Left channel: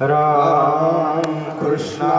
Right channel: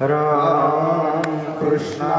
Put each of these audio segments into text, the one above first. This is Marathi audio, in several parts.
Ram Krishna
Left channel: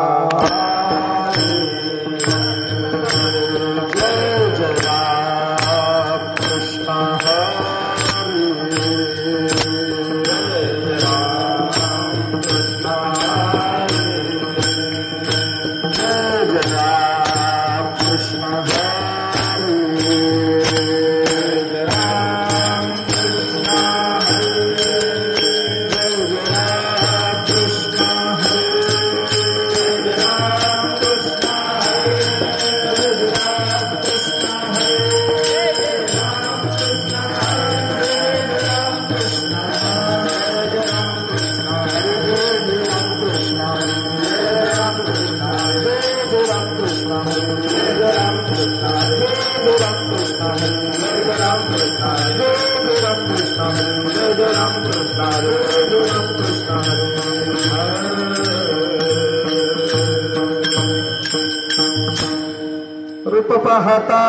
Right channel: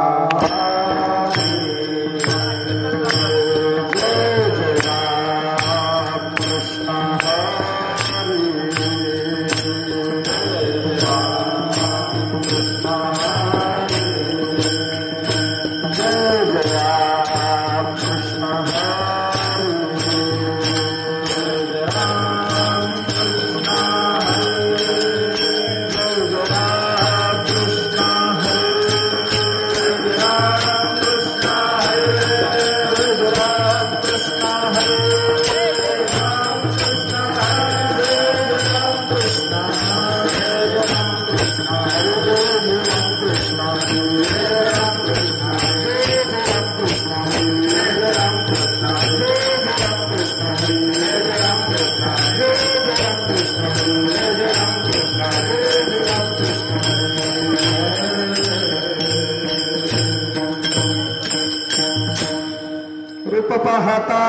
रूप पाहता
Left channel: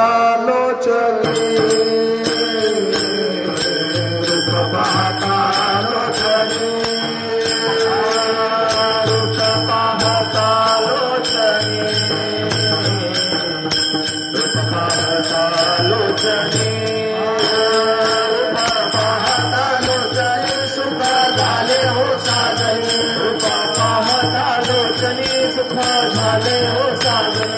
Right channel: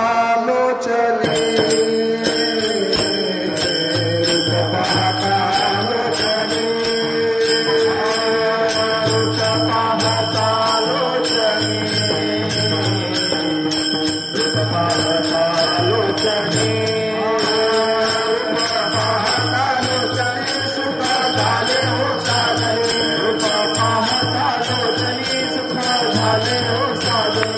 लोचनी रूप पाहता लोचनी रूप पाहता लोचनी रूप पाहता लोचनी रूप पाहता लोचनी सुख झाले हो साधनी रूप पाहता लोचनी सुख झाले हो साधनी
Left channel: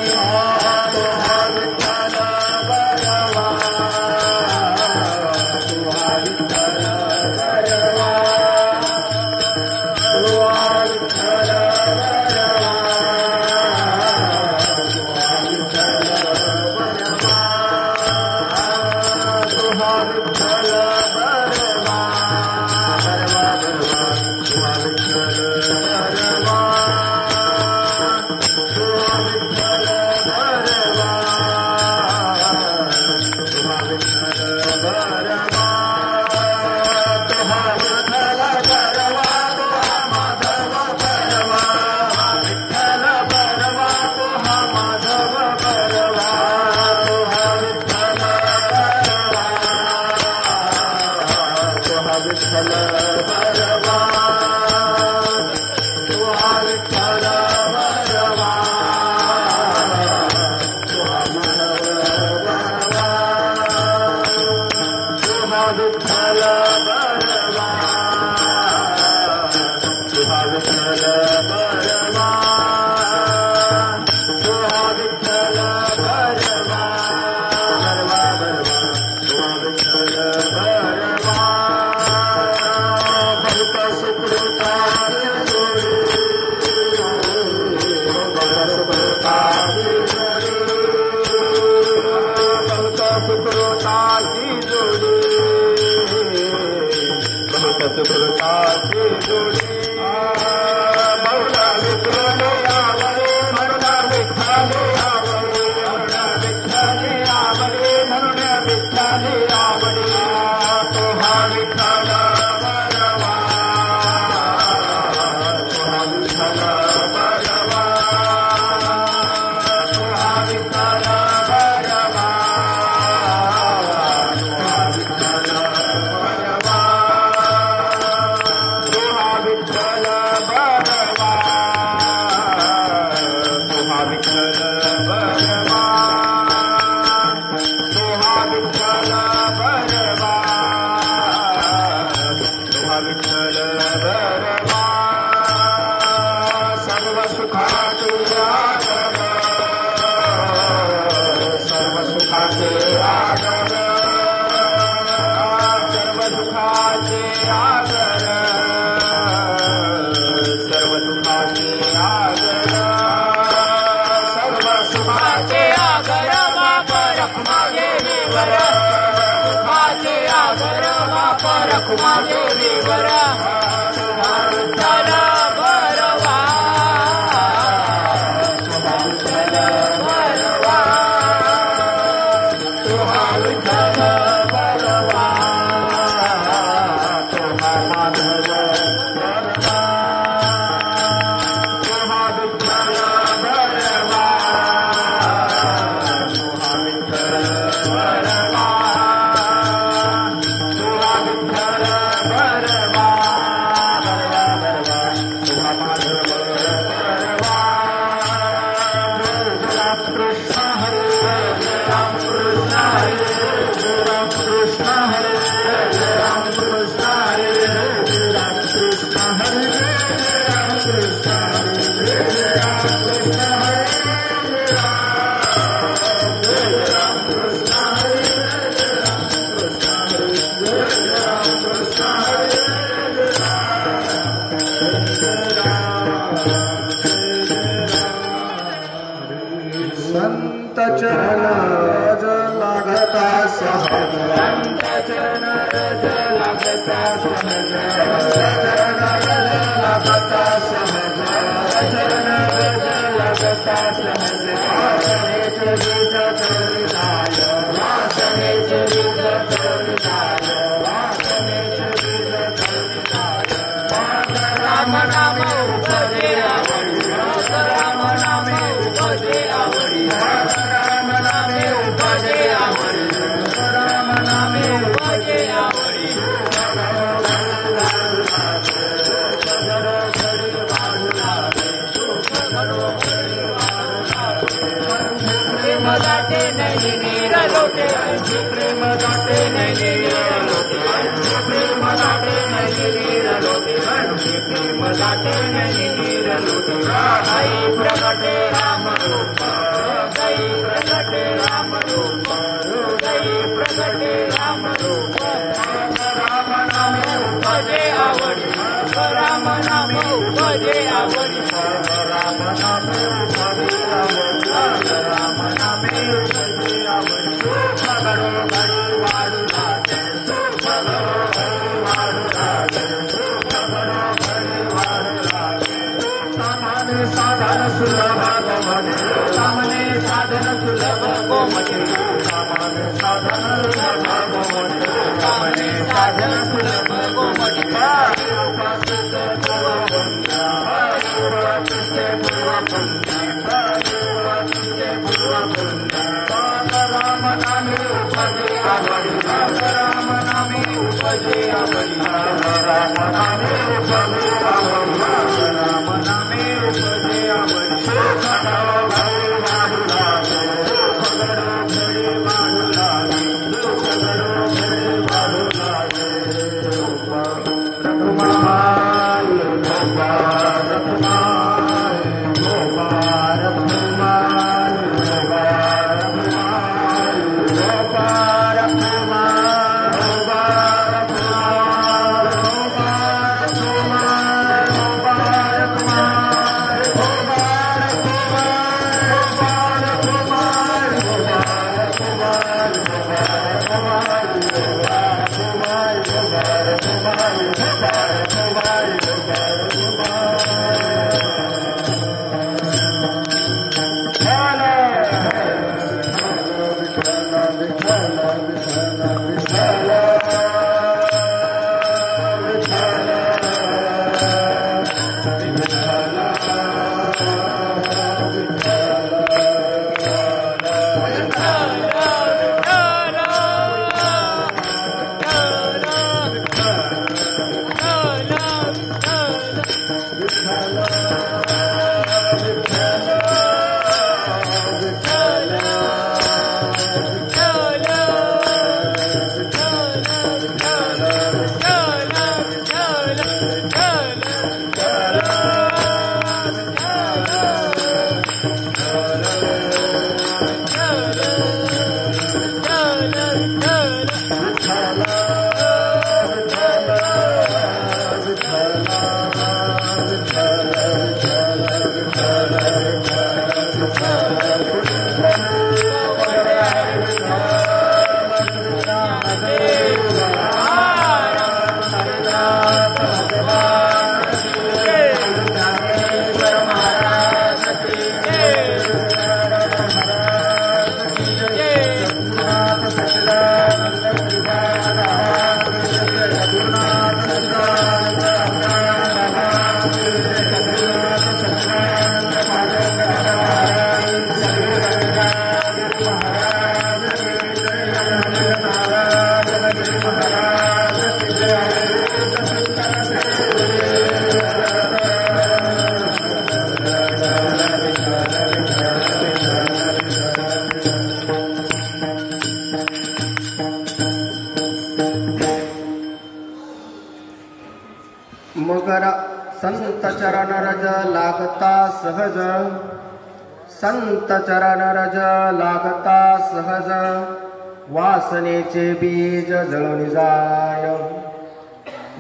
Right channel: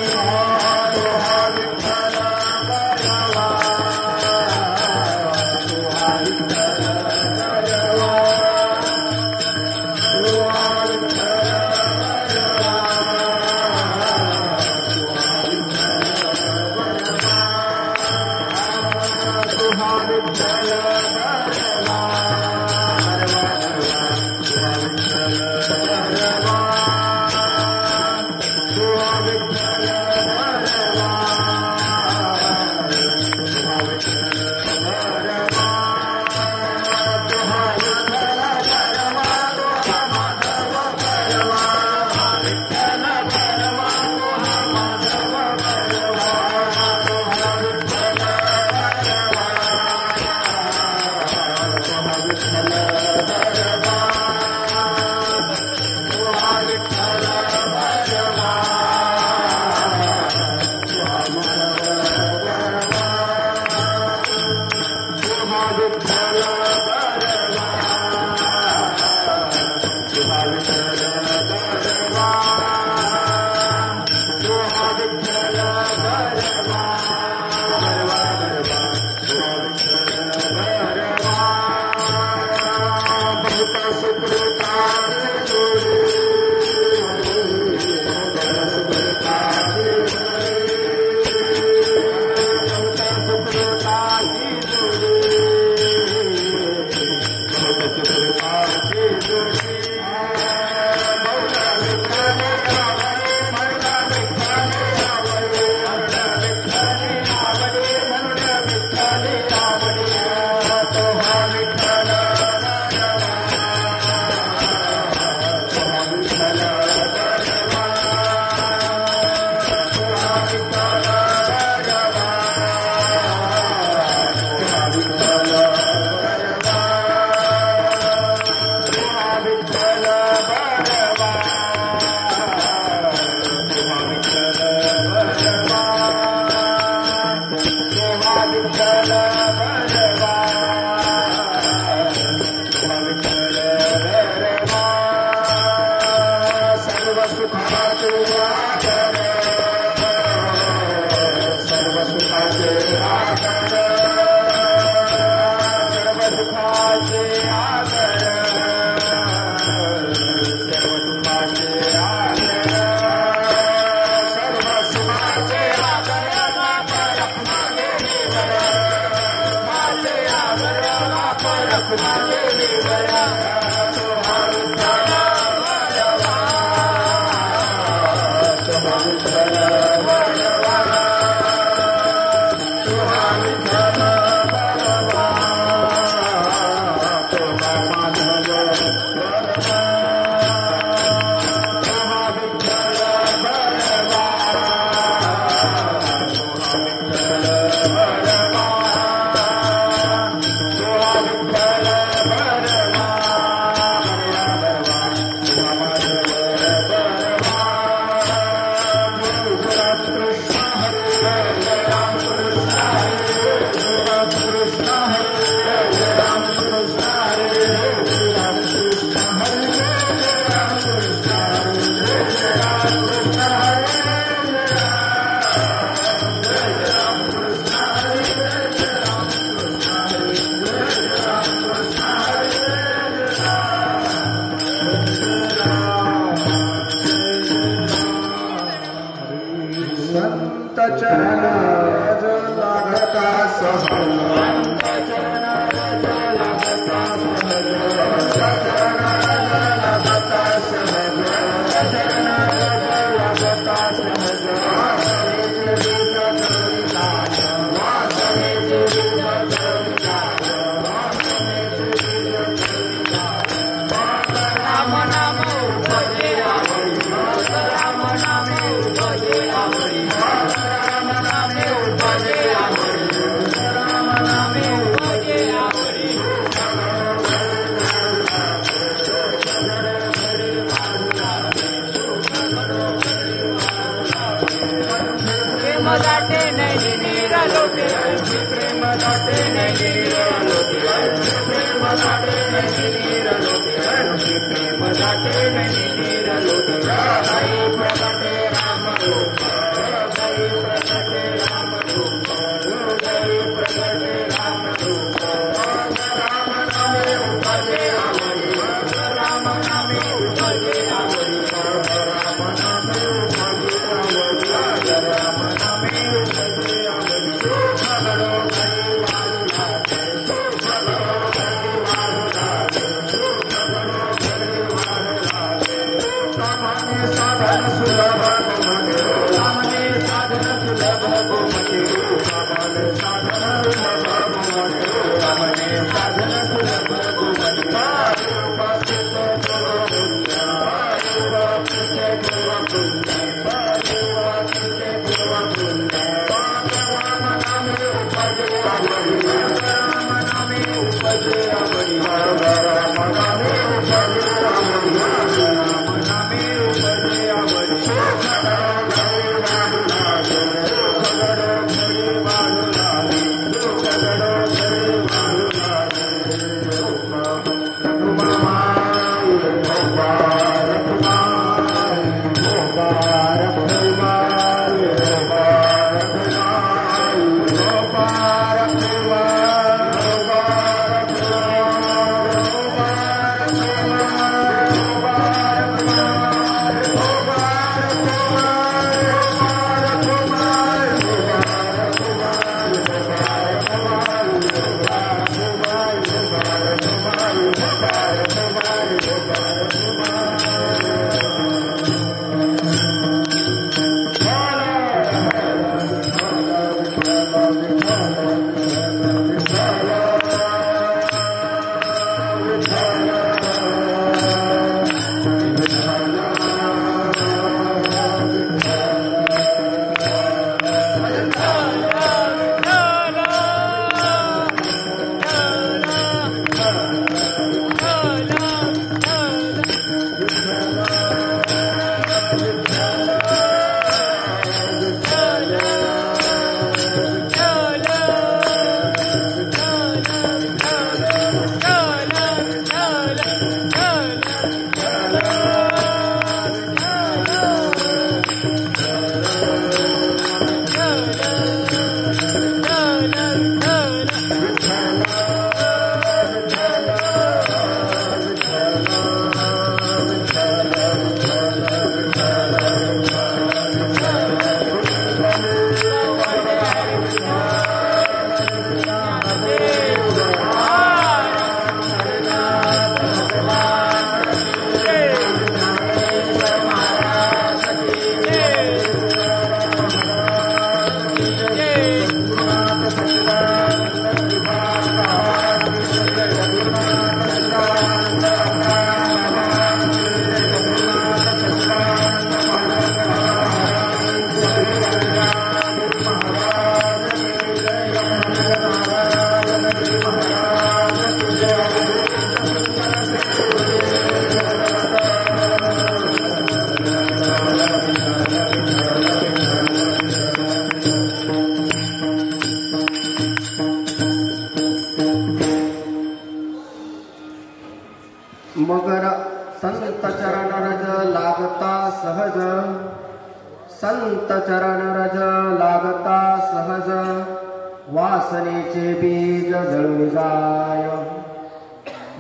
सुकृताची जोडी मौला विठ्ठले आवडे म्हणून विठ्ठले आवडे विठ्ठले आवडे म्हणून विठ्ठले आवडे तो हा विठ्ठल बरवा तो हा विठ्ठल बरवा तो हा विठ्ठल बरवा तो हा विठ्ठल बरवा तो हा विठ्ठल बरवा तो हा विठ्ठल बरवा तो हा विठ्ठल बरवा तो हा विठ्ठल बरवा सर्व सुखाचे आधार सर्व सुखाचे आधार सर्व सुखाचे आधार सर्व सुखाचे आधार सर्व सुखाचे आधार मातर मागे वर सुखाचे आधार मातर मागे वर विठ्ठल बरवा तुहा विठ्ठल बरवा तुहा विठ्ठल बरवा तुहा माधव बरवा तुहा विठ्ठल बरवा तुहा विठ्ठल बरवा तुहा विठ्ठल बरवा बरवा तुहा माधव बरवा राम कृष्ण हरे राम कृष्ण हरे राम कृष्ण हरे राम कृष्ण हरे राम कृष्ण हरे राम कृष्ण हरे राम कृष्ण हरे राम कृष्ण हरे राम कृष्ण हरे संत चरण रज लागता सहज संत चरण रज लागता सहज चरण रज लागता सहज चरण रज लागता सहज वासने बीज चोरी जाय वासने बीज चोरी जाय वासने बीज चोरी जाय राम नाम उपजे आवडी राम नाम उपजे आवडी राम नामे उपजे आवडी राम नामे उपजे आवडी प्रेम दाटे नहीं नीर लोटे प्रेम दाटे नहीं नीर लोटे प्रेम दाटे नहीं नीर लोटे प्रेम दाटे नहीं नीर लोटे राई प्रगटे राम रूप गई प्रगटे राम रूप गई प्रगटे राम रूप राम नामे उपजे आवडी राम नामे उपजे आवडी राम नामे उपजे आवडी राम नामे उपजे आवडी झगडो गई वाढू लागे झगडो गई वाढू लागे झगडो गई वाढू लागे सामाने साधन सुलभ गोमटे सामाने साधन सुलभ गोमटे सामाने साधन सुलभ गोमटे सामाने साधन सुलभ गोमटे राम नामे उपजे आवडी राम नामे उपजे आवडी राम नामे उपजे आवडी राम नामे उपजे आवडी Rama मगर संत चरण रज लागता सहज, संत चरण रज लागता सहज, वासनेचे बीज जळून जाय।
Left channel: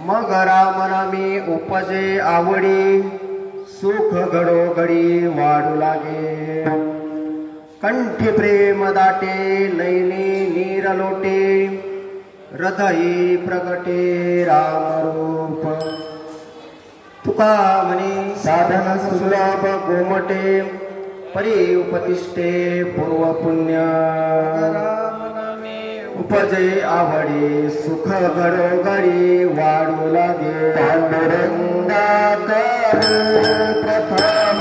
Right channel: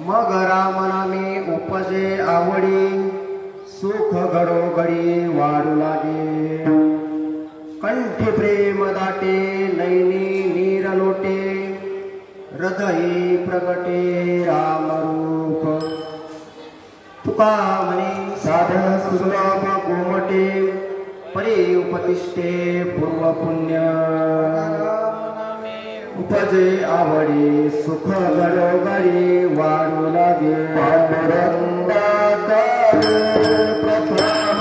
मग राम नामी उपजे आवडी, सुख घडोघडी वाढू लागे। कंठी प्रेम दाटे नैनी नीर लोटे, हृदयी प्रगटे रामरूप। तुका म्हणे साधन सुलभ गोमटे, परी उपतिष्ठे पूर्व पुण्य। उपजे आवडे सुख घडोघडी वाढू लागे। पांडुरंगा करू प्रथम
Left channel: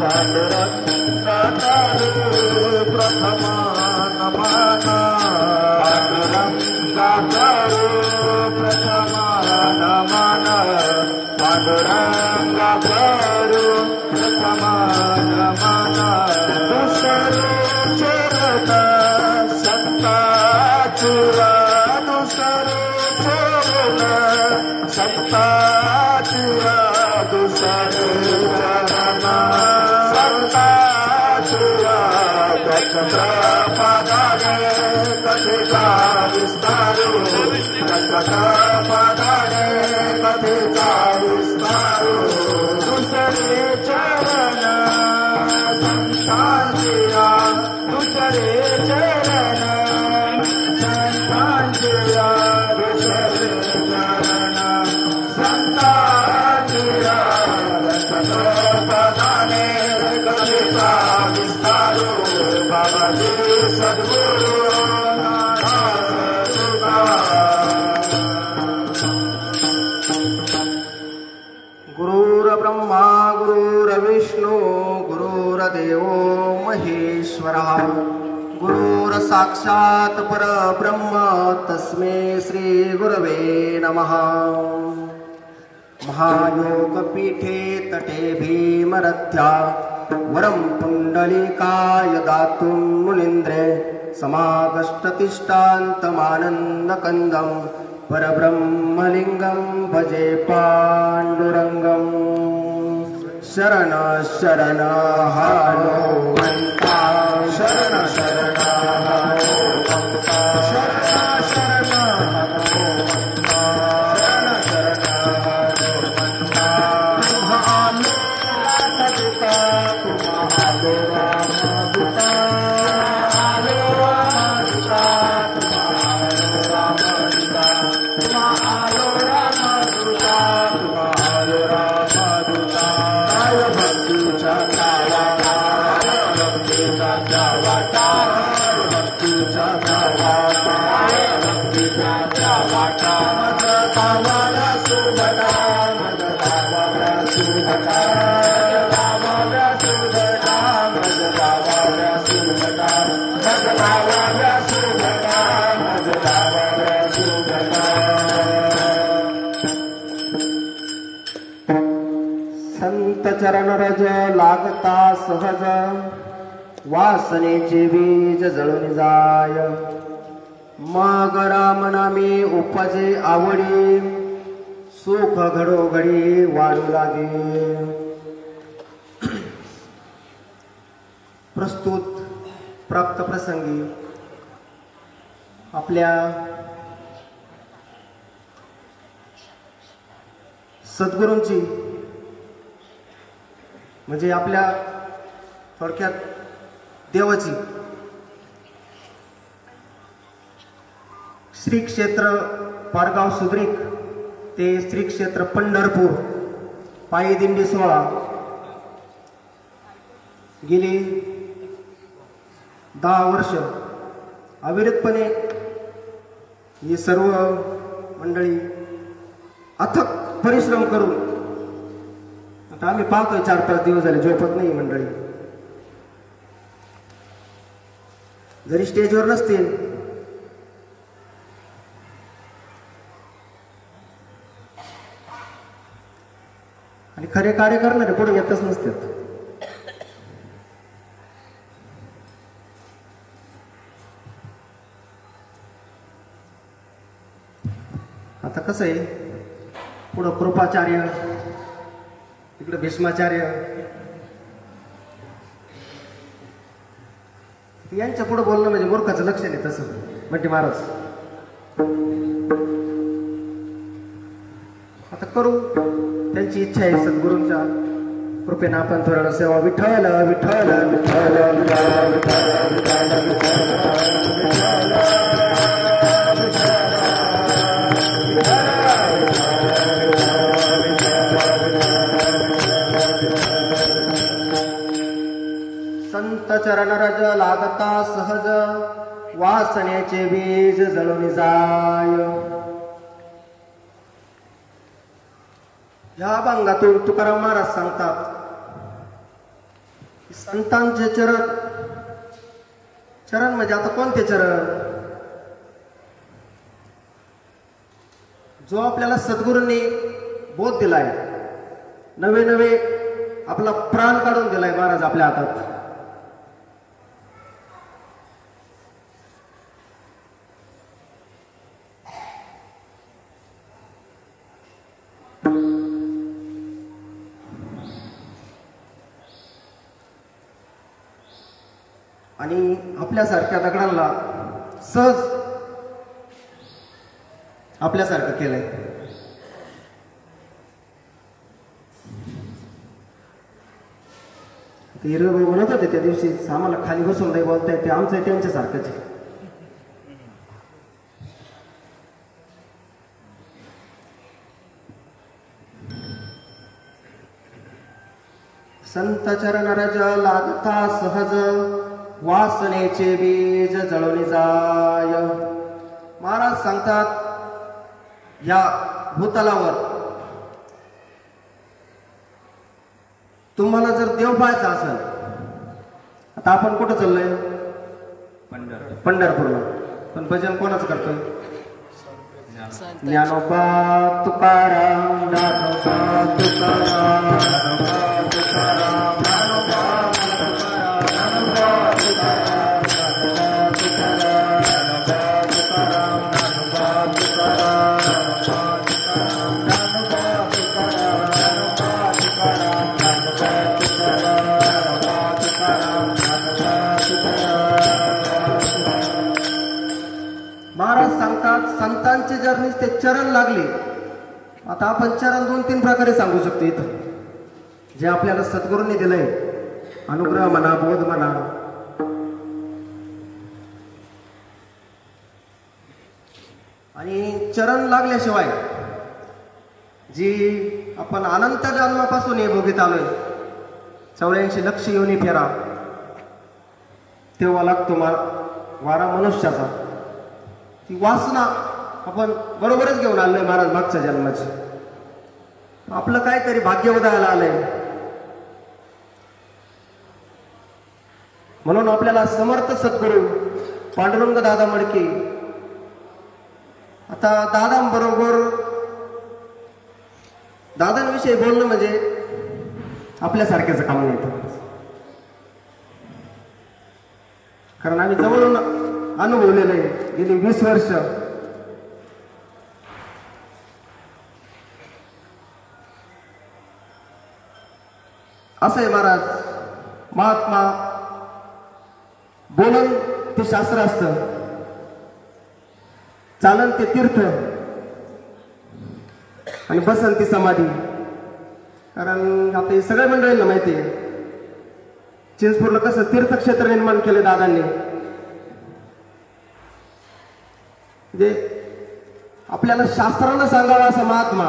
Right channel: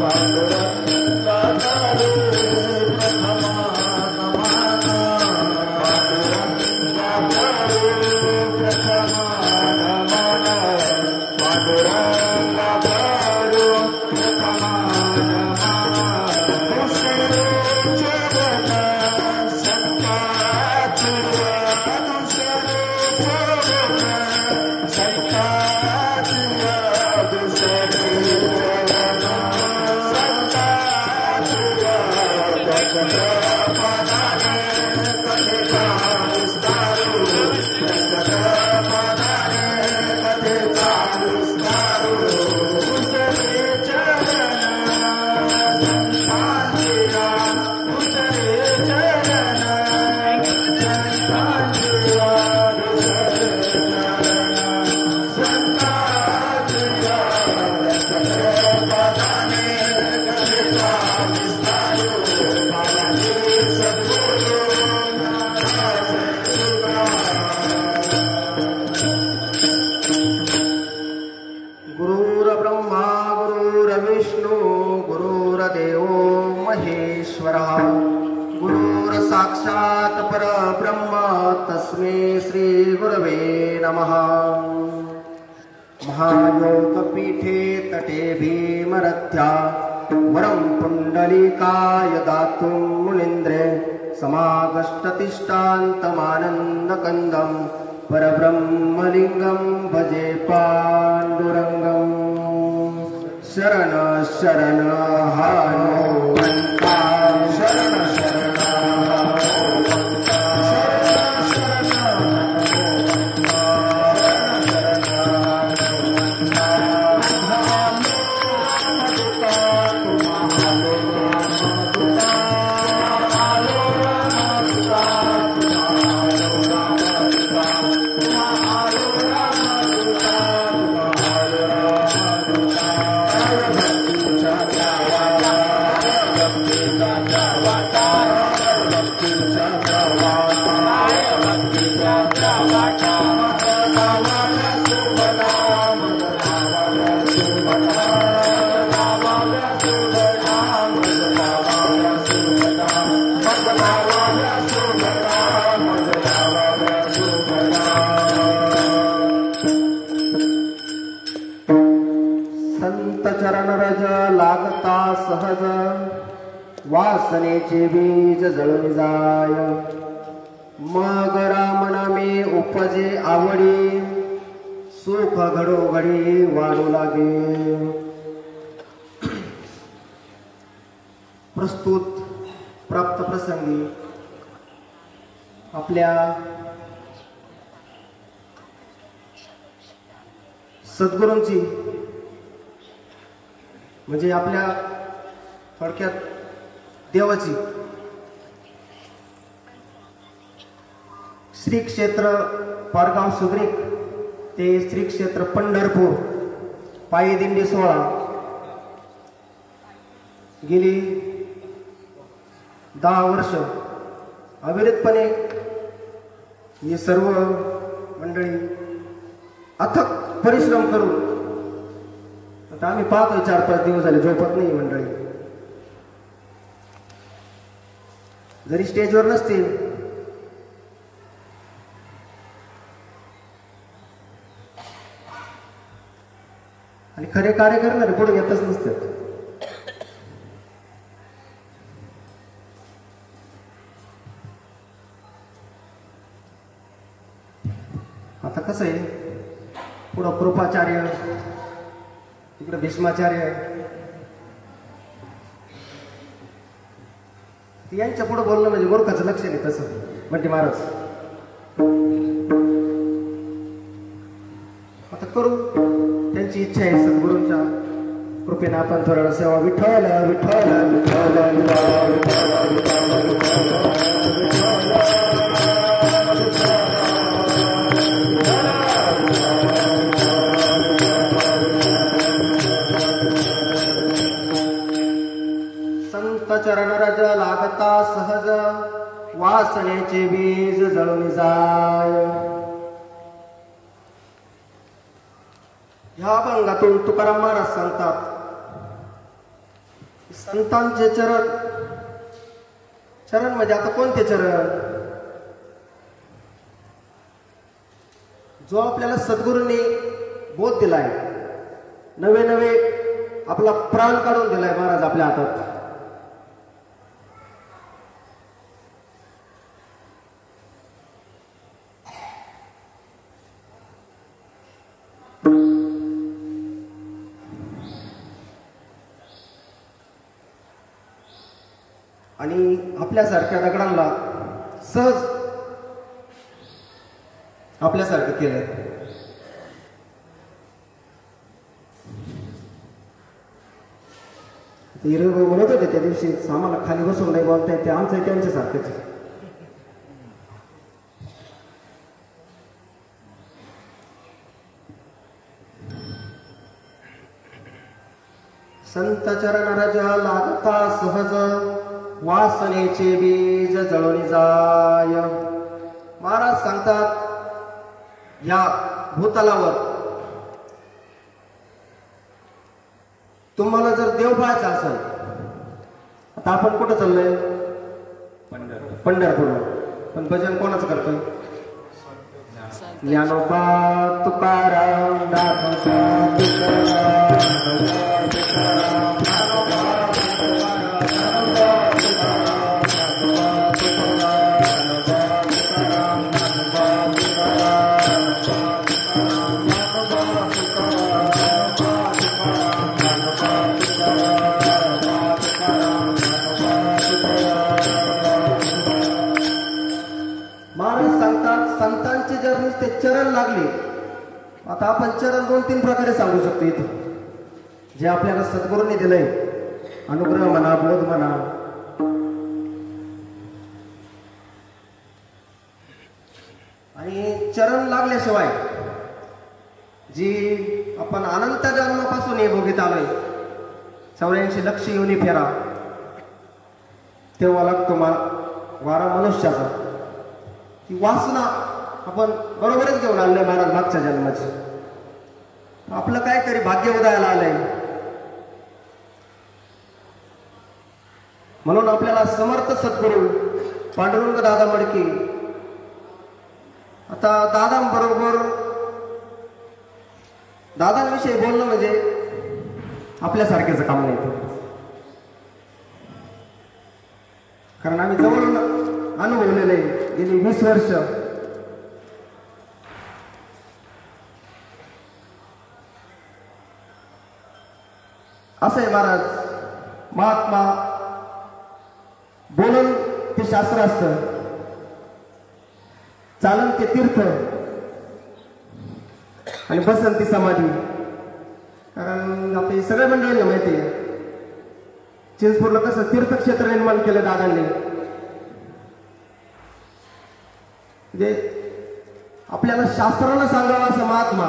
पांडुरंगा करू प्रथम नमन। पांडुरंगा करू प्रथम नमन। पांडुरंगा करू प्रथम नमन। गुरुर्ब्रह्मा गुरुर्विष्णु गुरुर्देवो महेश्वरः, गुरुर्साक्षात् परब्रह्म तस्मै श्री गुरवे नमः। महायोगपीठे तटे भीमरथ्या, वरं पुण्डलीकाय दातुं मुनीन्द्रे। समागष्टतिष्ठान्तमानन्दकन्दं, परब्रह्मलिङ्गं भजे पाण्डुरङ्गम्। शरण शरण हनुमन्ता, शरण शरण हनुमन्ता, शरण शरण हनुमन्ता, शरण शरण संत चरण रज लागता सहज वासनेचे बीज जळून जाय मग राम नामे उपजे आवडी सुख घडोघडी वाढू लागे. प्रस्तुत प्राप्त प्रसंगी आपल्या सद्गुरूंची म्हणजे आपल्या थोडक्यात देवाची श्री क्षेत्र पारगाव सुग्रीक ते श्री क्षेत्र पंढरपूर पायी दिंडी सोहळा गेली 10 वर्ष अविरतपणे ही सर्व मंडळी अथक परिश्रम करून आता आम्ही पाहतोय 4-5 दिवस झाले झोपत नाही मंडळी. जरी स्टेजवर नसतील आणि खरे कार्य करणारे पुढे येतच नसतात. आता कसं आहे पुढं कृपाचार्य इकडे भीष्माचार्य यांच्या पुढे बोलणं म्हणजे मूर्खाचं लक्ष नाही तसं म्हणजे महाराज. आता करू त्यांची इच्छा आहे सद्गुरूंच्या कृपेनं आपण थोडा सेवा विठ्ठल विठ्ठल विठ्ठल संत चरण रज लागता सहज वासनेचे बीज जळून जाय. ह्या अभंगातून तुकाराम महाराज सांगतात संतांचे चरण चरण म्हणजे आता कोणते चरण जो आपल्याला सद्गुरूंनी बोध दिलाय नवे नवे आपला प्राण काढून दिलाय महाराज आपल्या हातात. आणि आपल्यासारख्या दगडांना सहज आपल्यासारखं केलंय. हिरबाई म्हणत होते त्या दिवशी आम्हाला खाली बसून नाही बोलता येते आमचं त्यांच्यासारखंच. संत चरण रज लागता सहज वासनेचे बीज जळून जाय. महाराज सांगतात या भूतलावर तुम्हाला जर देव पाहायचा असेल आता आपण कुठं चाललोय पंढरपूर. पण भजन कोणाचं करतोय ज्ञानोबा तुकाराम दासोबा तुकाराम. संतांचे जर नुसते चरण लागले आता आपण चरण 2-3 प्रकारे सांगू शकतो इथं जे आपल्याला सद्गुरूंनी दिलंय अनुग्रह म्हणा बोध म्हणा. आणि चरण लागल्याशिवाय जी आपण अनंत जन्मापासून हे बघित आलोय 84 लक्ष योनी फेरा तेव्हा लागतो वारा मनुष्याचा. ती वासना आपण बरोबरच घेऊन आणलंय महाराज मागच्या जन्माची. आपलं काहीतरी भाग्य उदयाला आलंय. म्हणून आपल्याला समर्थ सद्गुरू पांडुरंग दादा मडके आता दादांबरोबर दादांविषयी बोलणं म्हणजे आपल्यासारखेच काम नाही येतं. कारण आम्ही जवळून अनुभवलेले गेली 20 वर्ष. असं आहे महाराज, महात्मा बोलून ते शास्त्र असतं, चालन ते तीर्थ आणि बसन ती समाधी. कारण आपल्या सगळ्या मंडळींना माहिती आहे चिंचपूरला कसं तीर्थक्षेत्र निर्माण केलं दादांनी. म्हणजे आपल्याला शास्त्रानं सांगावा असा महात्मा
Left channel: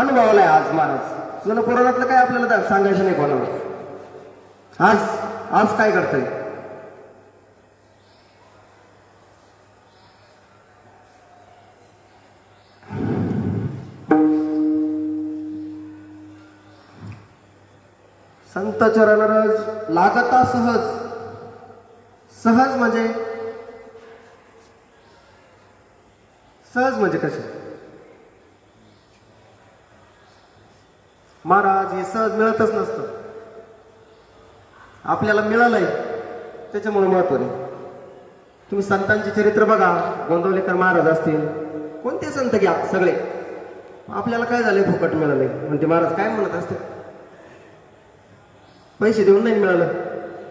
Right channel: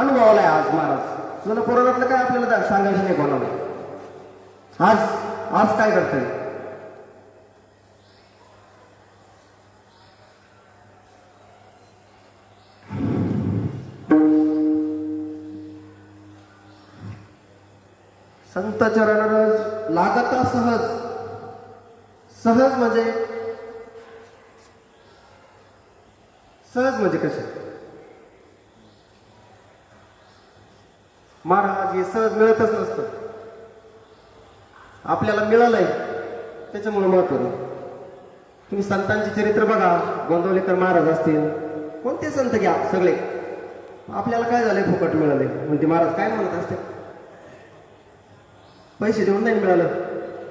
अनुभवाला आहे आज महाराज. तुला पुराणातलं काय आपल्याला सांगायचं नाही कोणाला. आज काय करतोय संत चरणरज लागता सहज. सहज म्हणजे कसं महाराज हे सहज मिळतच नसतं. आपल्याला मिळालंय त्याच्यामुळे महत्व आहे. तुम्ही संतांचे चरित्र बघा, गोंदवलेकर महाराज असतील, कोणते संत घ्या सगळे, आपल्याला काय झालंय फुकट मिळालंय म्हणजे महाराज काय म्हणत असते, पैसे देऊन नाही मिळालं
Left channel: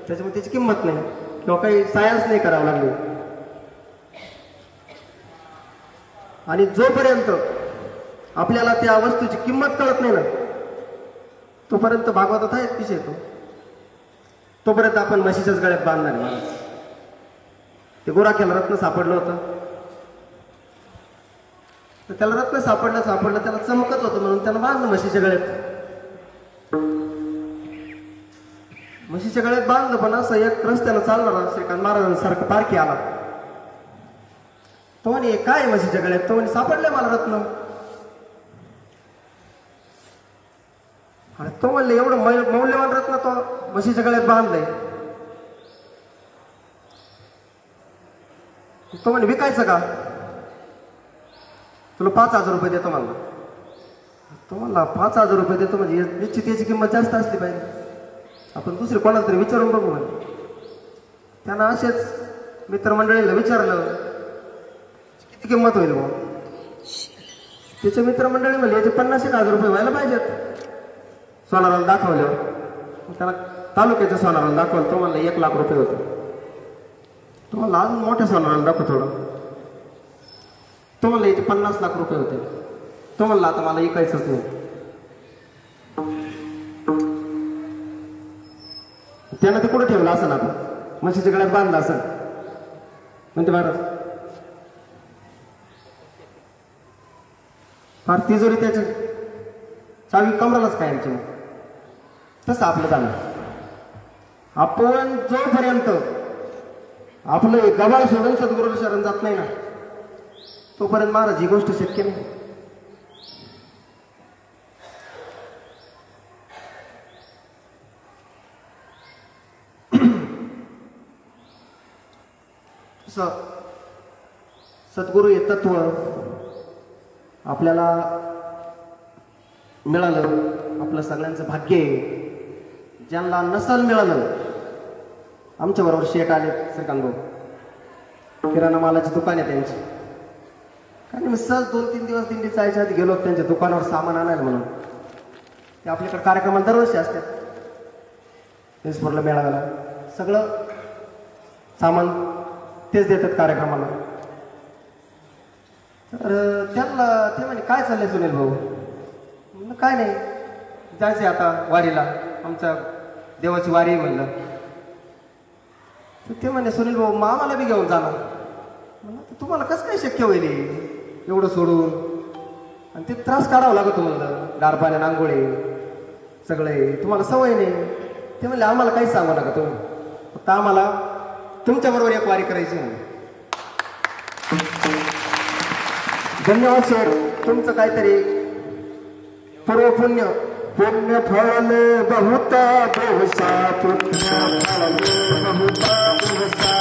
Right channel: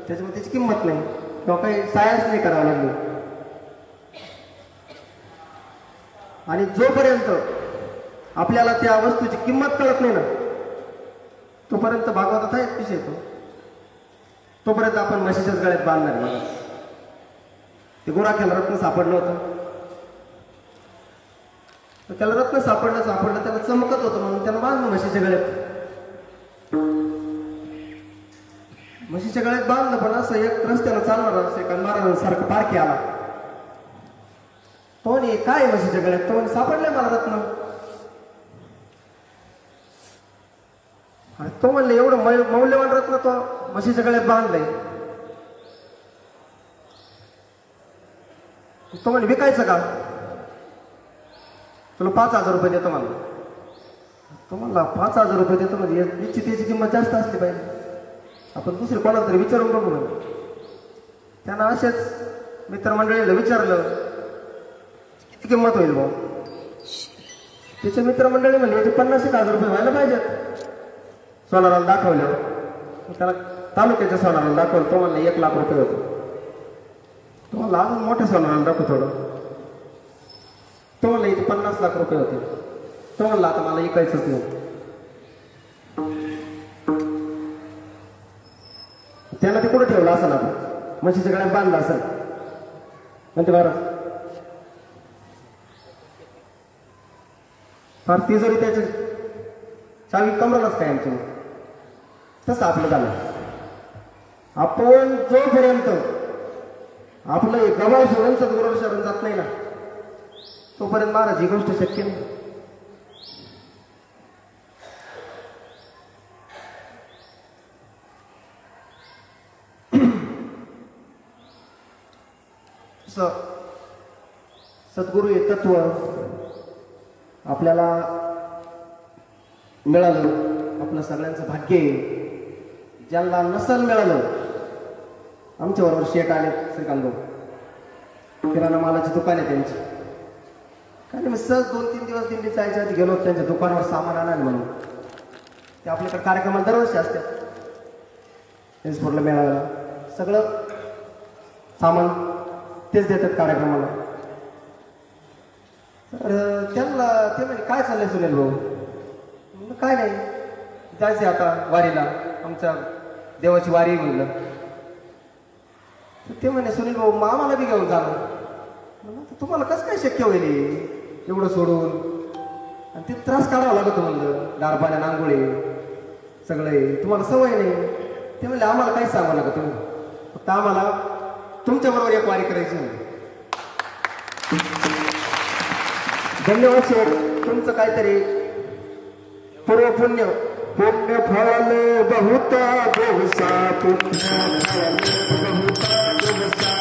त्याच्यामुळे त्याची किंमत नाही किंवा काही सायाच नाही करावं लागली. आणि जोपर्यंत आपल्याला त्या वस्तूची किंमत कळत नाही ना तोपर्यंत भागवतात आहेत पिशे येतो, तोपर्यंत आपण म्हशीच्याच गळ्यात बांधणार आहे. ते गोराख्याला रत्न सापडलं होतं तर त्याला रत्न सापडलं त्याला चमकत होतं म्हणून त्यानं बांधलं म्हशीच्या गळ्यात. म्हशीच्या गळ्यात बांधलं पण असं एक रस्त्यानं चालणार श्रीकांत महाराजांसारखं पारखी आला. तो म्हणे काय म्हशीच्या गळ्यात, तो म्हणे सापडले मला रत्न. आणि तो म्हणले एवढं मौल्यवान रत्न तो म्हशीच्या गळ्यात बांधलंय. तो म्हणे विकायचं का, तुला 5,000 रुपये देतो मला. तो म्हणला 5,000 रुपये देतो म्हणजे याची त्याची किंमत जास्त असली पाहिजे, आपण दुसरी कोणाला तरी विचारून बघू. त्यांना असेच मित्रमंडळीला विचारलं किती किंमत होईल मग. त्याच्या मित्रमंडळी म्हणले याचे 50,000 रुपये व्हायला पाहिजेत. सोनाराला दाखवलं, त्याला तालुक्याच्या सोनाराला दाखवलं. तो म्हणला 1 लाख रुपये होते. तो म्हणला अजून मोठ्या सोनाराला दाखव थोडं. तो म्हणला याचे 50 लाख रुपये होते. तो म्हणला आता मला ऐकायचंच नाही. त्यानं ते कुठं ठेवलं असं ना म्हशीच्या गळ्यात बांधलं असं म्हणते महाराज. फार तिजोरी त्याच्या चावी कमरालाच काय आमच्या. तसं आपलं झालं. आपण जोपर्यंत आपलं गबाळ सोडून सद्गुरू शरण जात नाही ना तोपर्यंत महाराज ही गोष्ट शक्य नाही. सद्गुरू हे तत्व आपल्याला मिळालं, आपलं सगळ्यांचं भाग्य आहे. ज्यांना नसल मिळालं, आमच्या बरोबर शेठ आले श्रीकांत भाऊ, किराणा मालाची दुकान आहे त्यांची. कारण मी सहज 2-3 दिवस दिंडी जायच्या आधी गेलो त्यांच्या दुकानावर सामान आणायला म्हणून. ते आपल्याकडे कार्यक्रमात दरवर्षी असतात. तेचपूरला मिळालं सगळं सामान तेच देतात कार्यक्रमाला. तर त्यांना ते म्हणजे काय चाललंय सुनील भाऊ. काय नाही जायचे आता वारीला, आमच्या देवाची वारी म्हणलं. ते म्हणे सुनील भाऊ आम्हाला बी घेऊन जाणं. तुम्हाला कसं काय शक्य होईल एवढं सोडून, आणि ते त्रास काढावा लागतो म्हणलं, गारपाण्या नांगोळे सगळे, तुम्हाला सवय नाही. ते म्हणले आम्हाला काहीच सांगू नका तुम्ही, फक्त आम्हाला तुमच्या बरोबर एक वारी करायची. धन्यवाद सर. तुमचं काहीतरी पूर्व पुण्य पुण्य फळले बहुत दिवसा पुण्य फळले बहुत दिवसा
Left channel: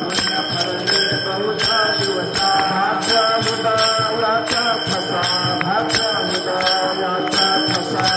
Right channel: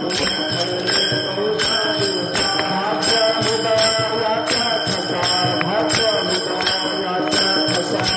पुण्य फळले बहुत दिवसा भाग्य मुदायाचा ठसा भाग्य मुदायाचा ठसा भाग्य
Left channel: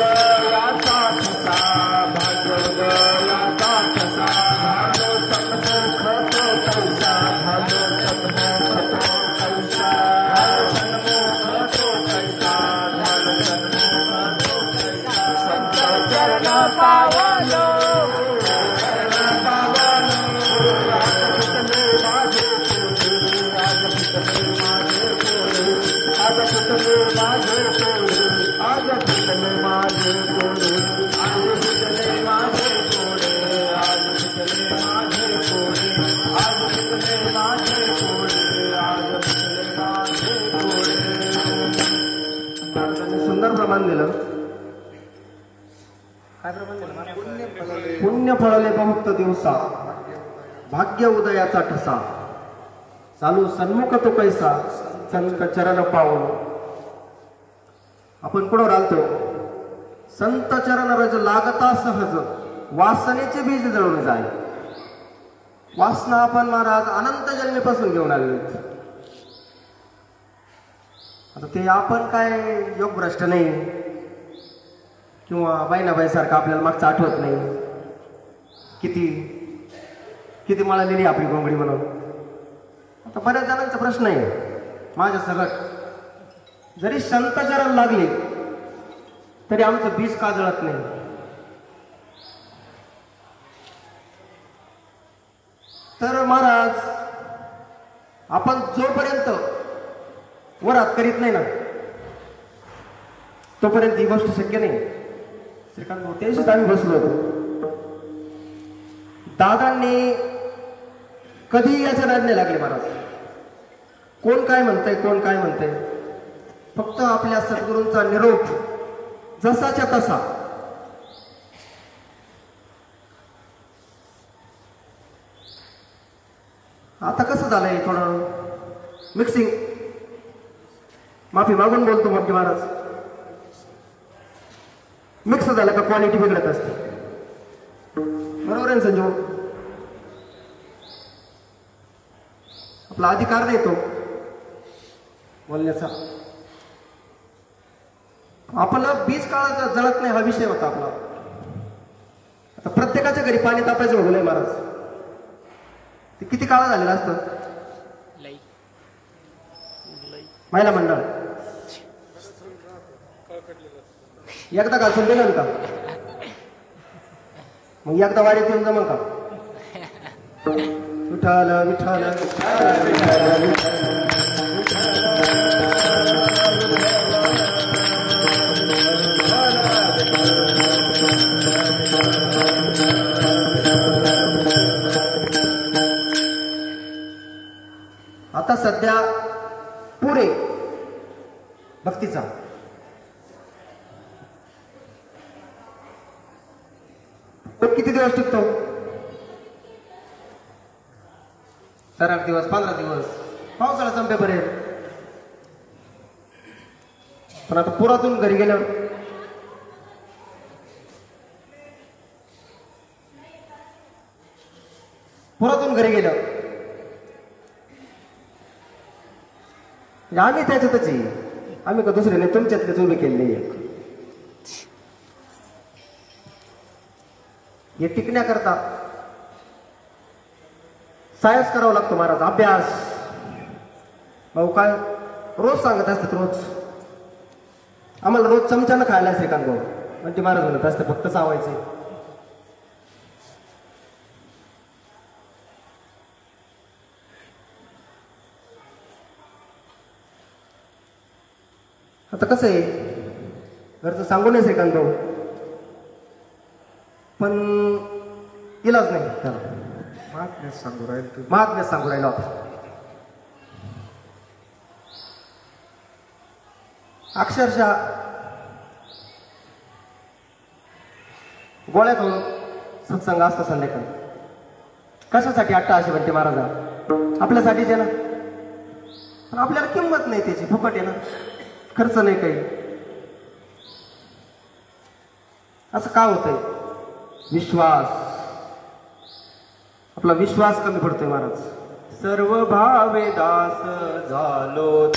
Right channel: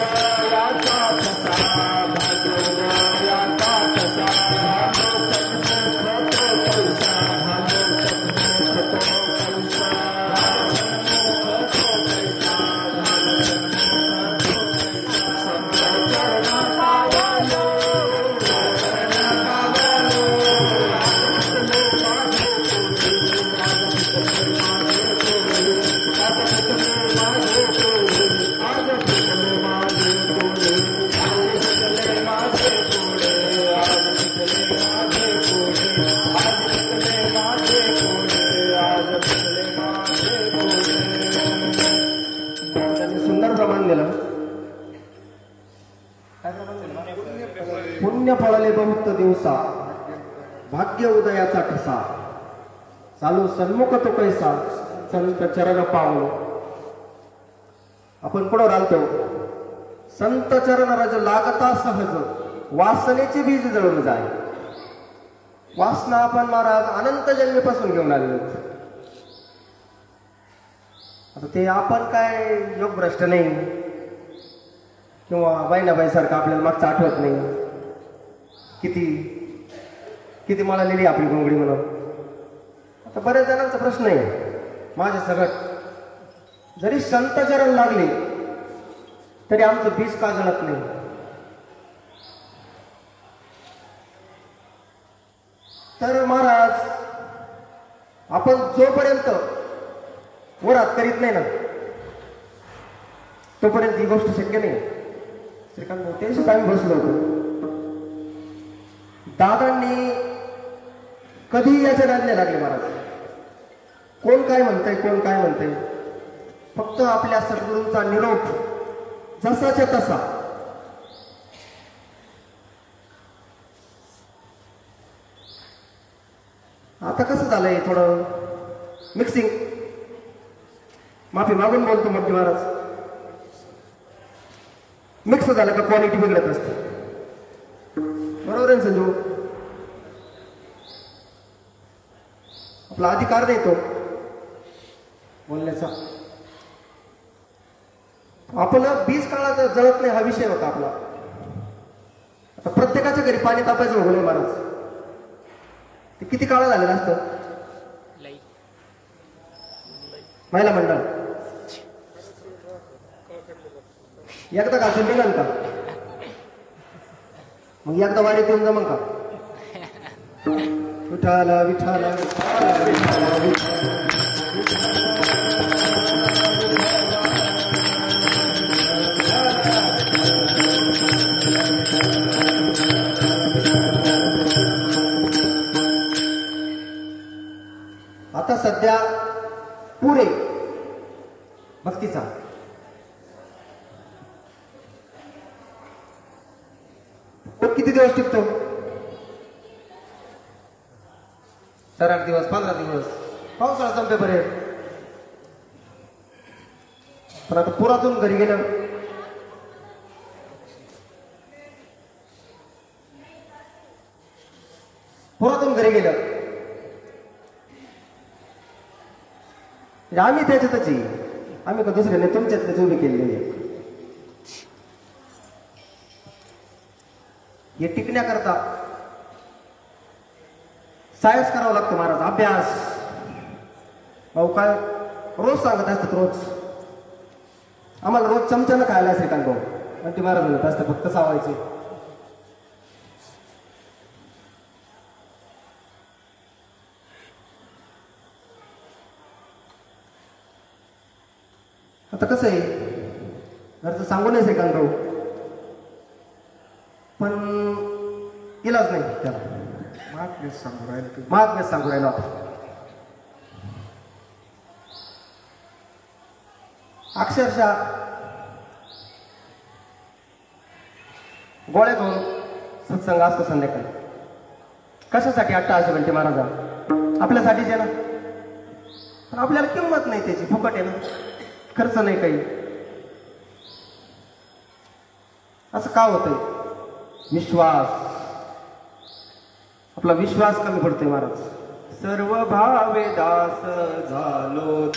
मुदायाचा ठसा भाग्य मुदायाचा ठसा भाग्य सन्मुख तौसा भाग्य सन्मुख तौसा सुंदर प्रमाण दिलं. काय प्रमाण दिलं? पुण्य फळले बहुत दिवसा भाग्य उदयाचा ठसा चालू सन्मुख तो कैसा संत चरण पावलो. आपण कोणावर आलतो? संत चरण रज लागता सहज वासनेचे बीज जळून जाय. वासना आपण महाराज अनंत जन्मीपासून घेऊन आलेलो. आता ते आपण काय योग भ्रष्ट नाही किंवा बहिणाबाईसारखं आपल्याला मागचं आठवत नाही. किती किती मळालेली आपली घोंगडी म्हणून. आता बऱ्याच जणांचा प्रश्न आहे माझ्या सगळं जरी संत चरण लागले तरी आमचं बीज का जळत नाही. तर महाराज आपण जोपर्यंत वरात करीत नाही ना तोपर्यंत ही गोष्ट शक्य नाही. श्रीकांत भाऊ त्याशीच आम्ही बसलो होतो. दादांनी कधी याच्या नाद नाही लागले महाराज. कोण काय म्हणतंय कोण काय म्हणतंय फक्त आपल्या सद्गुरूंचा निरोप जसाच्या तसा. आता कसं झालंय थोडं मिक्सिंग. माफी मागून बोलतो मोठी महाराज. मिक्स झालं का क्वालिटी बिघडत असते. बरोबर आहे संजू. आपला अधिकार नाही तो बोलण्याचा. आपलं बीज काळाचा जळत नाही हा विषय होता आपला. आता प्रत्येकाच्या घरी पाणी तापायचं होऊ नये महाराज. ते किती काळ झालेलं असतं. महिला मंडळ एकदा घासून दिलं का मग एकदा वारीत येऊन जमन का. विठाल विठाल विठाल विठाल आता सध्या पुरे भक्तीचा किती दिवस टिकतो. 8 दिवस 15 दिवस पावसाळा संपेपर्यंत. पण आता पुरातून घरी गेलं आम्ही त्याच्यातच आम्ही का दुसऱ्याने तुमच्यातलेच उभे केलेले. हे टिकण्याकरता सायन्स करावं लागतं महाराज. अभ्यास भाऊ काय रोज सांगत असतात. रोज आम्हाला रोज चमच्यानं खायला श्रीकांत भाऊ आणि ते महाराज म्हणत असते फक्त चावायचे. आता कसं आहे घरचं सांगू नये श्रीकांत भाऊ पण इलाज नाही त्याला. महात्म्यच सांगू राहिलो आपण. अक्षरशः गोळ्यात होऊन सत्संग असतं संध्याकाळी. कशासाठी 88 घंटे महाराजा आपल्यासाठीच आहे ना, पण आपल्याला किंमत नाही त्याची, फुकट आहे ना, खर्च नाही काही. असं का होतंय? विश्वास, आपला विश्वास कमी पडतोय महाराज. सर्व भावे दास झालो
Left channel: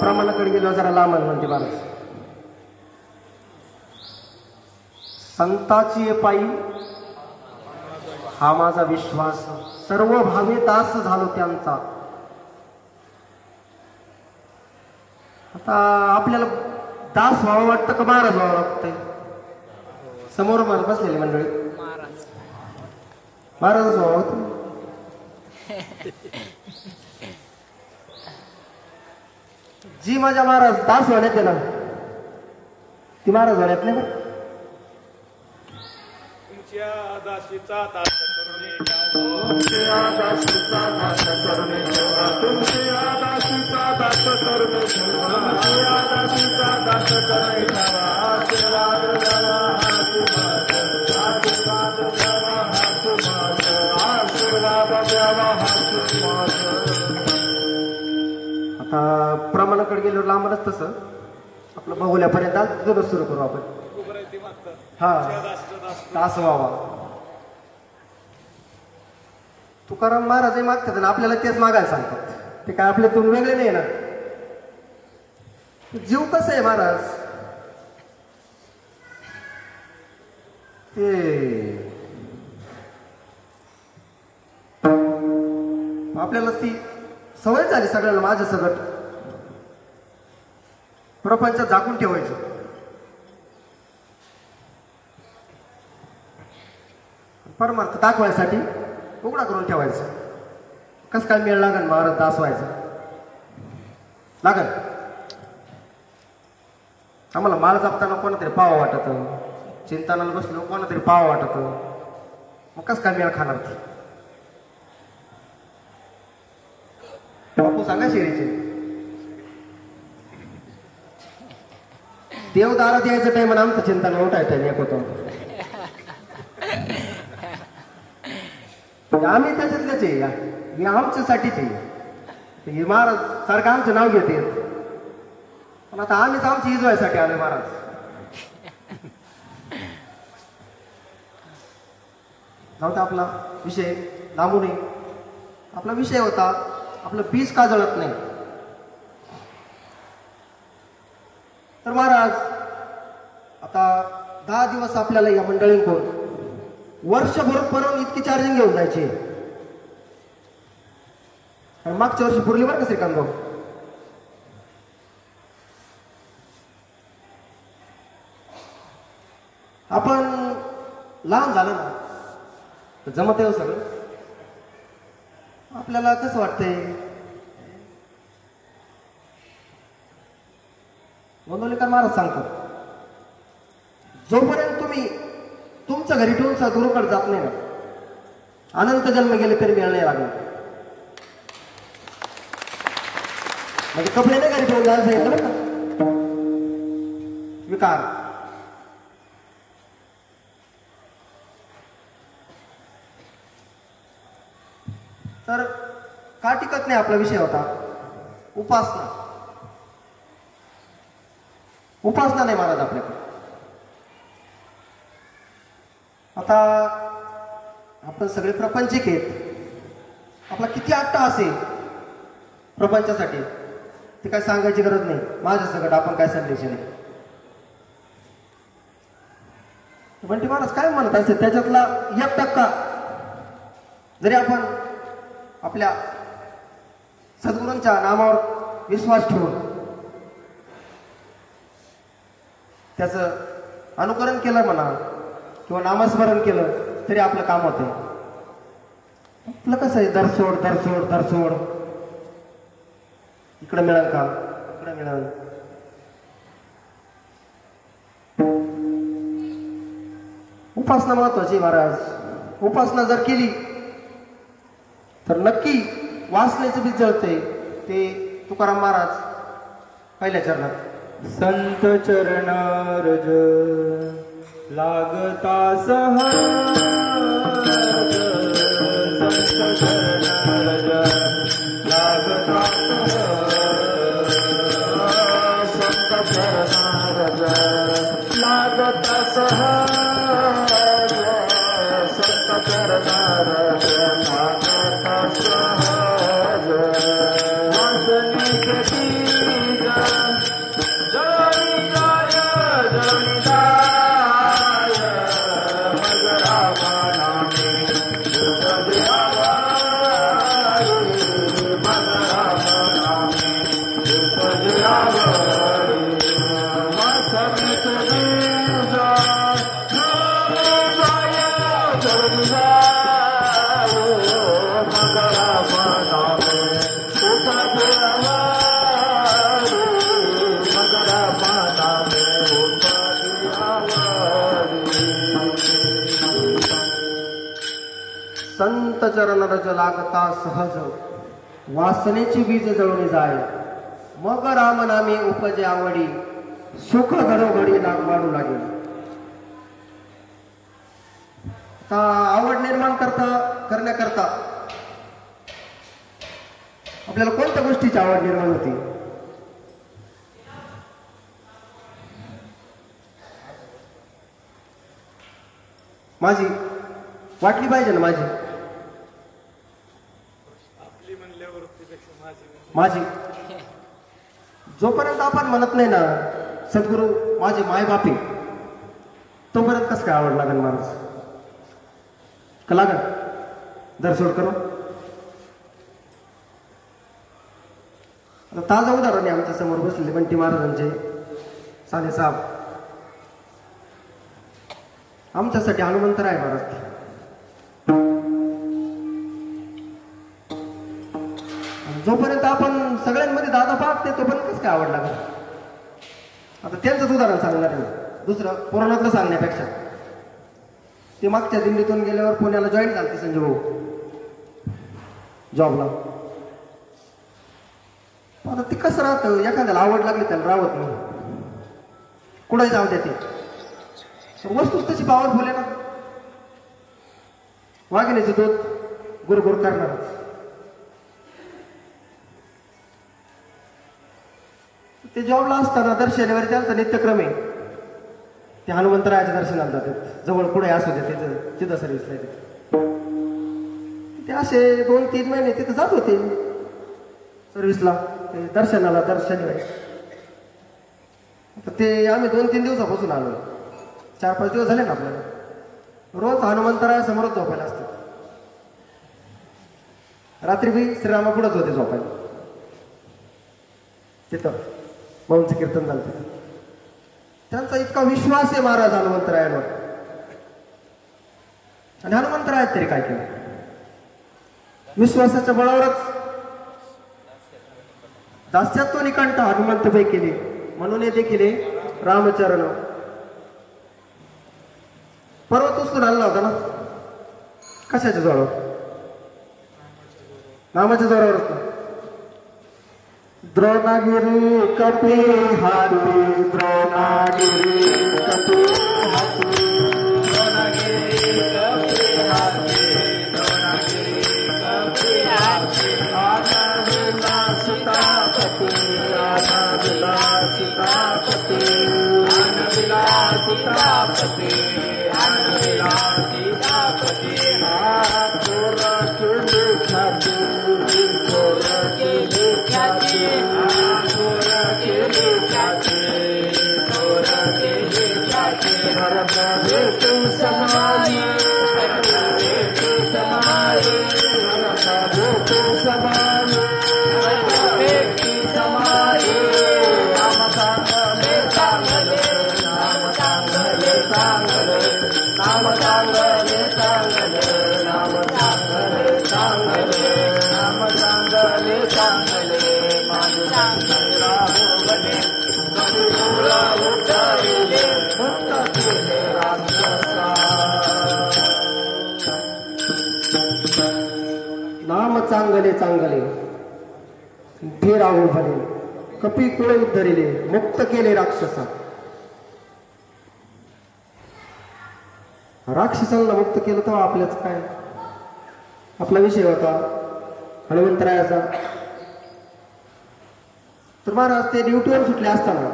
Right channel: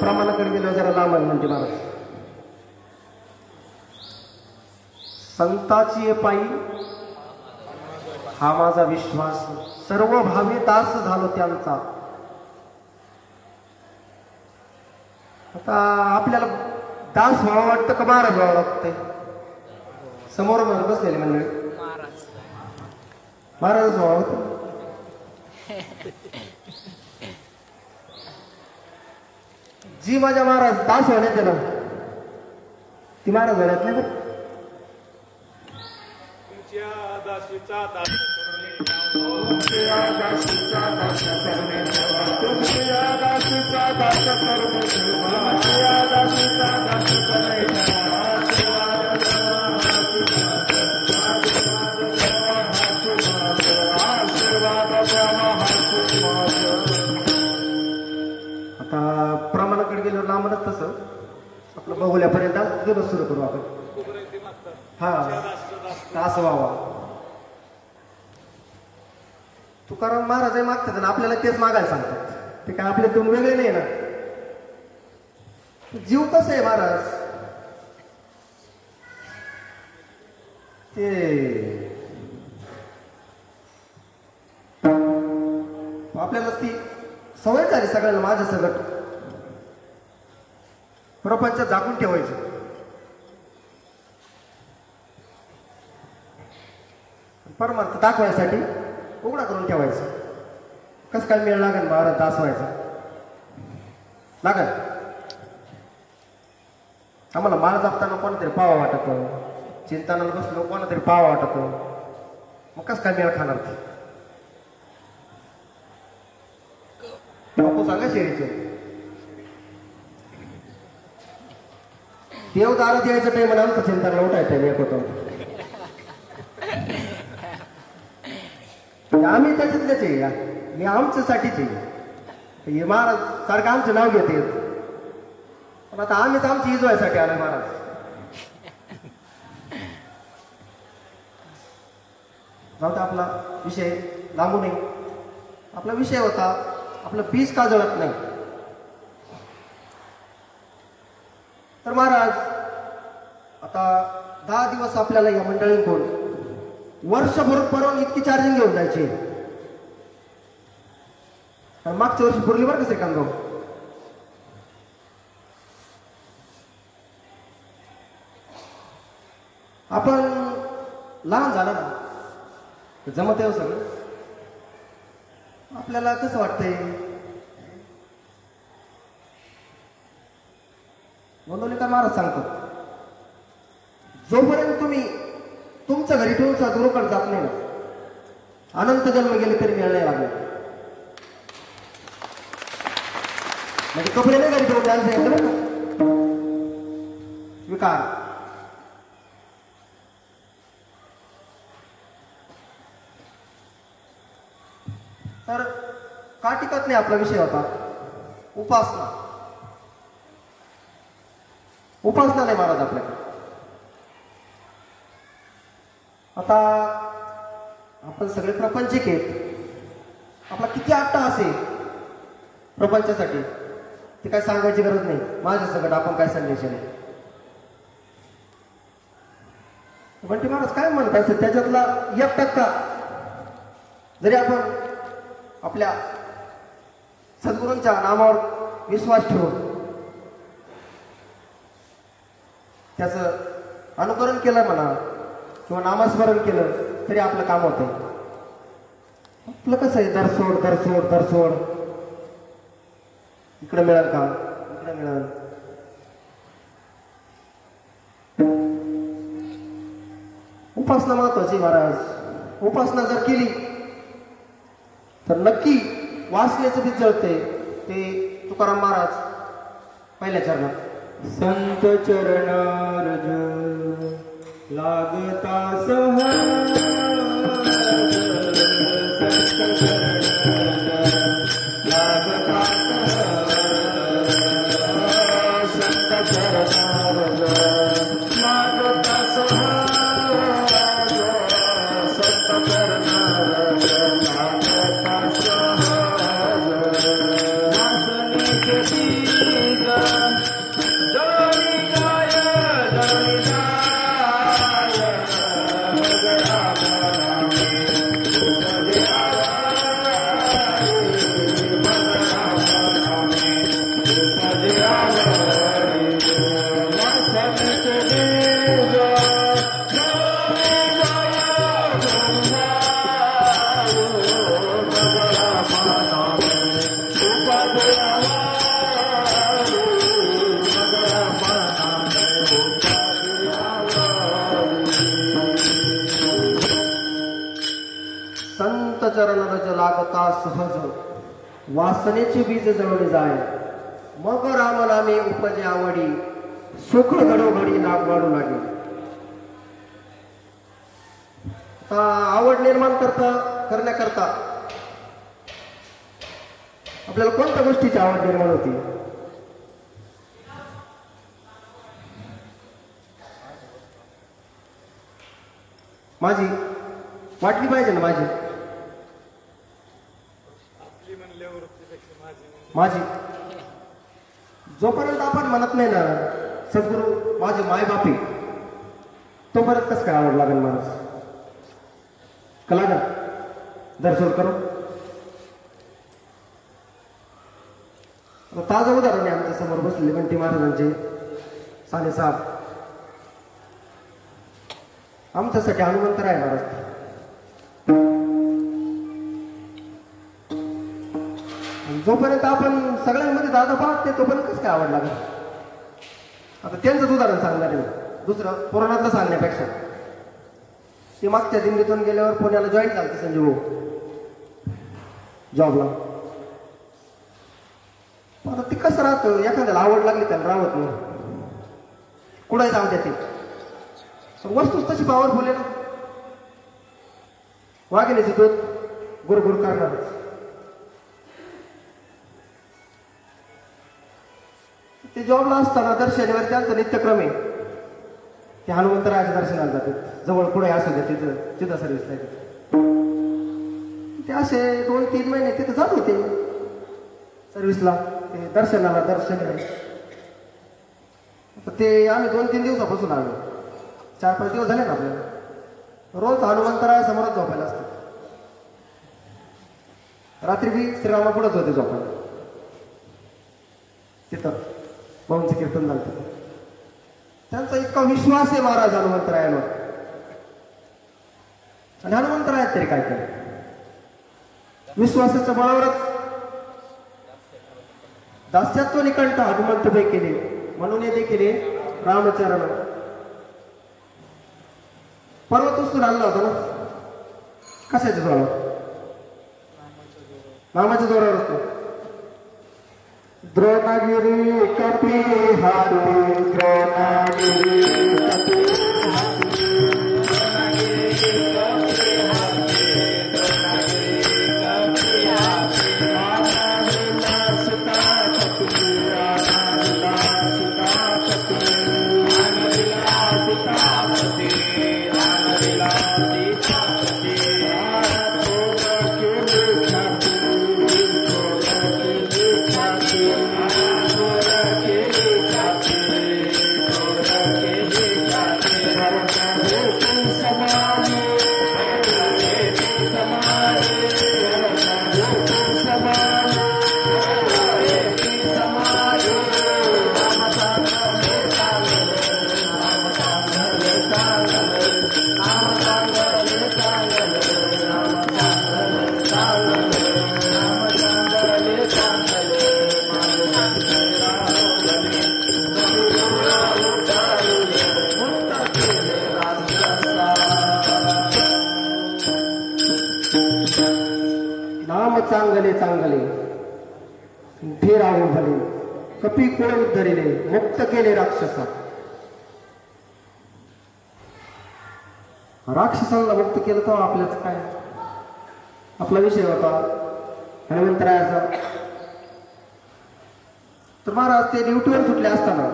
प्रमाणाकडे गेलो जरा लांब म्हणते महाराज. संताची पायी हा माझा विश्वास, सर्व भावे दास झालो त्यांचा. आता आपल्याला दास व्हावं वाटतं का महाराज व्हावं वाटतंय? समोर बसलेले मंडळी महाराजच व्हावं वाटतं. जी माझ्या महाराज दास होण्यात आहे ना, ती महाराज होण्यात नाही बरं. तुमच्या दासीचा दास करून तुमच्या दासीचा दास करून तुमच्या दासीचा दास करून तुमच्या दासीचा दास करून आता प्रमाणाकडे गेलो लांबच तसं आपलं बघुल्यापर्यंत जरूर सुरू करू आपण. हा तास व्हावा. तुकाराम महाराज मागतात ना, आपल्याला तेच मागायला सांगतात. ते काय आपले तुम्ही वेगळे नाही ना. जीव कसं आहे महाराज, ते आपल्याला ती सवय झाली सगळ्याला. माझं सगळं प्रपंच झाकून ठेवायचं. परमार्थ दाखवायसाठी उघडा करून ठेवायचं. कसं काय मेळ लागेल महाराज दास व्हायचा लागेल. आम्हाला माळ जपताना कोणातरी पावा वाटत, चिंतनाला बसलो कोणातरी पावा वाटत, मग कसं काय मेळ खाणार ती? बापू सांगा शेरीचे देव दारात यायचं टाइम आणि आमचं चिंतन उठायचं एक होतो. आम्ही त्याच्यातलेच आहे, मी आमच्यासाठीच आहे. हे महाराज सारखं आमचं नाव घेते, पण आता आम्हीच आमची इजवायसाठी आलोय महाराज. नव्हता आपला विषय लांबू नये. आपला विषय होता आपलं बीज का जळत नाही. तर महाराज आता 10 दिवस आपल्याला या मंडळींकडून वर्षभर परवून इतकी चार्जिंग घेऊन जायची. आणि मागच्या वर्षी पुरली बरं का श्रीकांत भाऊ. आपण लहान झालं ना जमत आहे सगळं. आपल्याला कसं वाटतंय, गोंदवलेकर महाराज सांगतो, जोपर्यंत तुम्ही तुमच्या घरी ठेवून गुरुकडे जात नाही ना, अनंत जन्म गेले तरी मिळणे लागले. म्हणजे कपडे नाही घरी ठेवून जायचं येतं ना विकार. तर का टिकत नाही आपला विषय होता उपासना. उपासना नाही महाराज आपल्याकडे. आता आपण सगळे प्रपंचिक आहेत. आपला किती अट्टा असेल प्रपंचासाठी, ती काय सांगायची गरज नाही. माझ्या सगळं आपण काय संदेश आहे. बंटी महाराज काय म्हणतात त्याच्यातला 1% जरी आपण आपल्या सद्गुरूंच्या नामावर विश्वास ठेवून त्याचं अनुकरण केलं म्हणा किंवा नामस्मरण केलं तरी आपलं काम होतंय. आपलं कसं आहे, दरसोड दरसोड दरसोड, इकडं मिळाल का, इकडं मिळाल. उपासना महत्वाची महाराज. उपासना जर केली तर नक्की वासनेचं बीज जळतंय. ते तुकाराम महाराज पहिल्या चरणात संत चरण रज लागता सहज, संत चरण रज लागता सहज, संत चरण रज लागता सहज, संत चरण रज लागता सहज. वासने के बीज संत चरण रज लागता सहज, वासनेची बीज जळून जाय. मग राम नामे उपजे आवडी, सुख घडोघडी वाढू लागे. आवड निर्माण करण्याकरता आपल्याला कोणत्या गोष्टीची आवड निर्माण होती. माझी वाटली पाहिजे ना, माझी जोपर्यंत आपण म्हणत नाही ना सद्गुरू माझे मायबापी, तोपर्यंत कसं काय आवड लागेल माणूस का लागल. दरसोड करू. आता ताजं उदाहरण आहे आमच्या समोर बसलेले बंटी महाराजांचे साने साहेब. आमच्यासाठी हनुमंतराय महाराज. जोपर्यंत आपण सगळ्यांमध्ये दादा पाहते तोपर्यंत कसं काय आवड लागेल. आता त्यांचंच उदाहरण सांगणार मी, दुसरं पुराणातलं सांगण्यापेक्षा. ते मागच्या दिल्लीतून गेल्यावर पुण्याला जॉईन झाले संजय भाऊ जॉबला. आता ते कसं राहतं, एखाद्याला आवड लागली त्याला राहत नाही, कुठे जाऊ द्या. ते वस्तूच तशी पॉवरफुल आहे ना. वाघिणीचे दूध गुरगुर करणार. ते जॉबला असताना दर शनिवारी त्यांचा नित्यक्रम आहे. ते हनुमंतरायाच्या दर्शनाला जातात. जवळ पुढे असू दे तिथं सर्व्हिसला ते असे 2-3 महिने तिथं जात होते सर्व्हिसला, ते दर्शनाला दर शनिवारी. ते आम्ही 2-3 दिवसापासून आलो. 4-5 दिवस झाले ना आपल्याला. रोज हनुमंतराया समोरच झोपायला असतात. रात्री बी श्रीरामा पुढेच होते झोपायला. तिथं भाऊंचं कीर्तन झालं. त्यांचा इतका विश्वास आहे महाराज हनुमंतरायांवर. आणि हनुमंतरायात तरी काय केलं, विश्वासाच्या बळावरच दास्यात्व निकंठ हनुमंतबाई केली. म्हणून हे देखील रामचरण पर्वत उचलून आणला होता ना. कशाच्या जोरावर, नामाच्या जोरावरच ना. द्रोणागिरी कपी हाती, द्रोणागिरी कपी हाती, द्रोणागिरी कपी हाती, द्रोणागिरी कपी हाती. आनंदला सीतापती, आनंदला सीतापती, आनंदला सीतापती, आनंदला सीतापती. थोर केली ख्याती, थोर केली ख्याती. नाम चांगले चांगले फेरावून भले कपी कुळ उद्धरिले मुक्त केले राक्षसा. राक्षसांना मुक्त केलं तर आपल्याच काय. आपला विषय होता हनुमंतरायाचा. तर महाराज ते ड्युटीवर सुटले असताना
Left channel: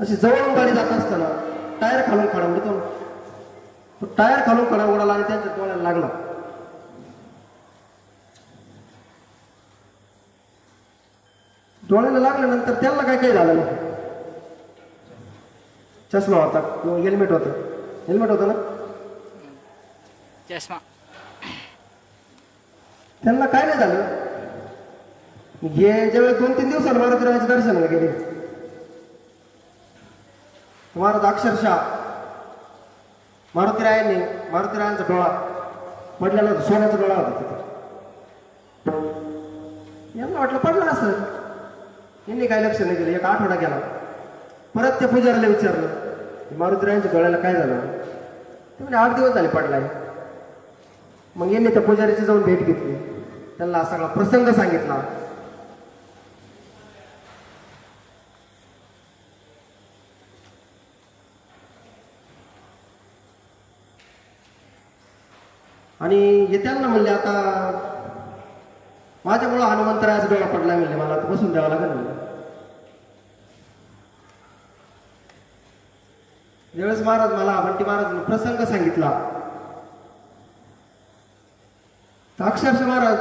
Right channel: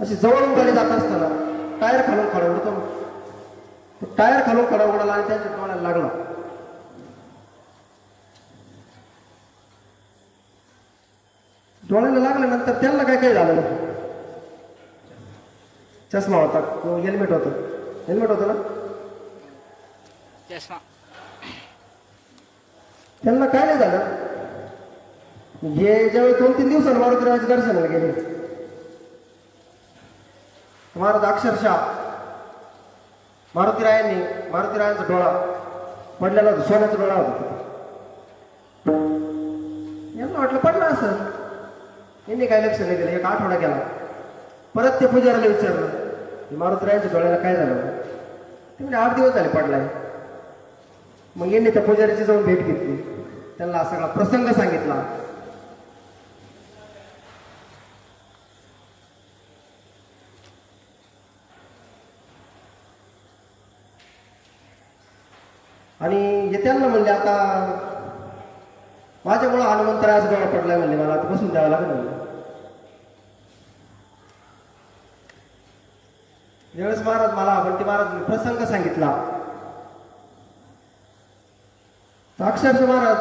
अशी जवळून गाडी जात असताना टायर खालून खडा उडतो ना. तो टायर खालून खडा उडाला आणि त्यांच्या डोळ्याला लागला. डोळ्याला लागल्यानंतर त्यांना काय काय झालं. चष्मा होता किंवा हेल्मेट होतं. हेल्मेट होतं ना. चष्मा. त्यांना काय नाही झालं. हे ज्यावेळी 2-3 दिवसांनी मारुतीरायाच्या दर्शनाला गेले महाराज अक्षरशः मारुतीरायांचा डोळा पडलेला होता. सोन्याचा डोळा होता तिथे. यांना वाटलं पडला असं. यांनी काही लक्ष नाही दिलं. एक आठवडा गेला. परत ते पुजाऱ्याला विचारलं मारुतीरायांच्या डोळ्याला काय झालं. ते म्हणजे 8 दिवस झाले पडलाय. मग यांनी त्या पुजाऱ्याची जाऊन भेट घेतली. त्यांना सगळा प्रसंग सांगितला. आणि त्यांना म्हणले आता माझ्यामुळं हनुमंतरायाचा डोळा पडलाय म्हणले. मला आता बसून द्यावं लागेल म्हणले. ज्यावेळेस महाराज मला बंटी महाराज प्रसंग सांगितला तर अक्षरशः महाराज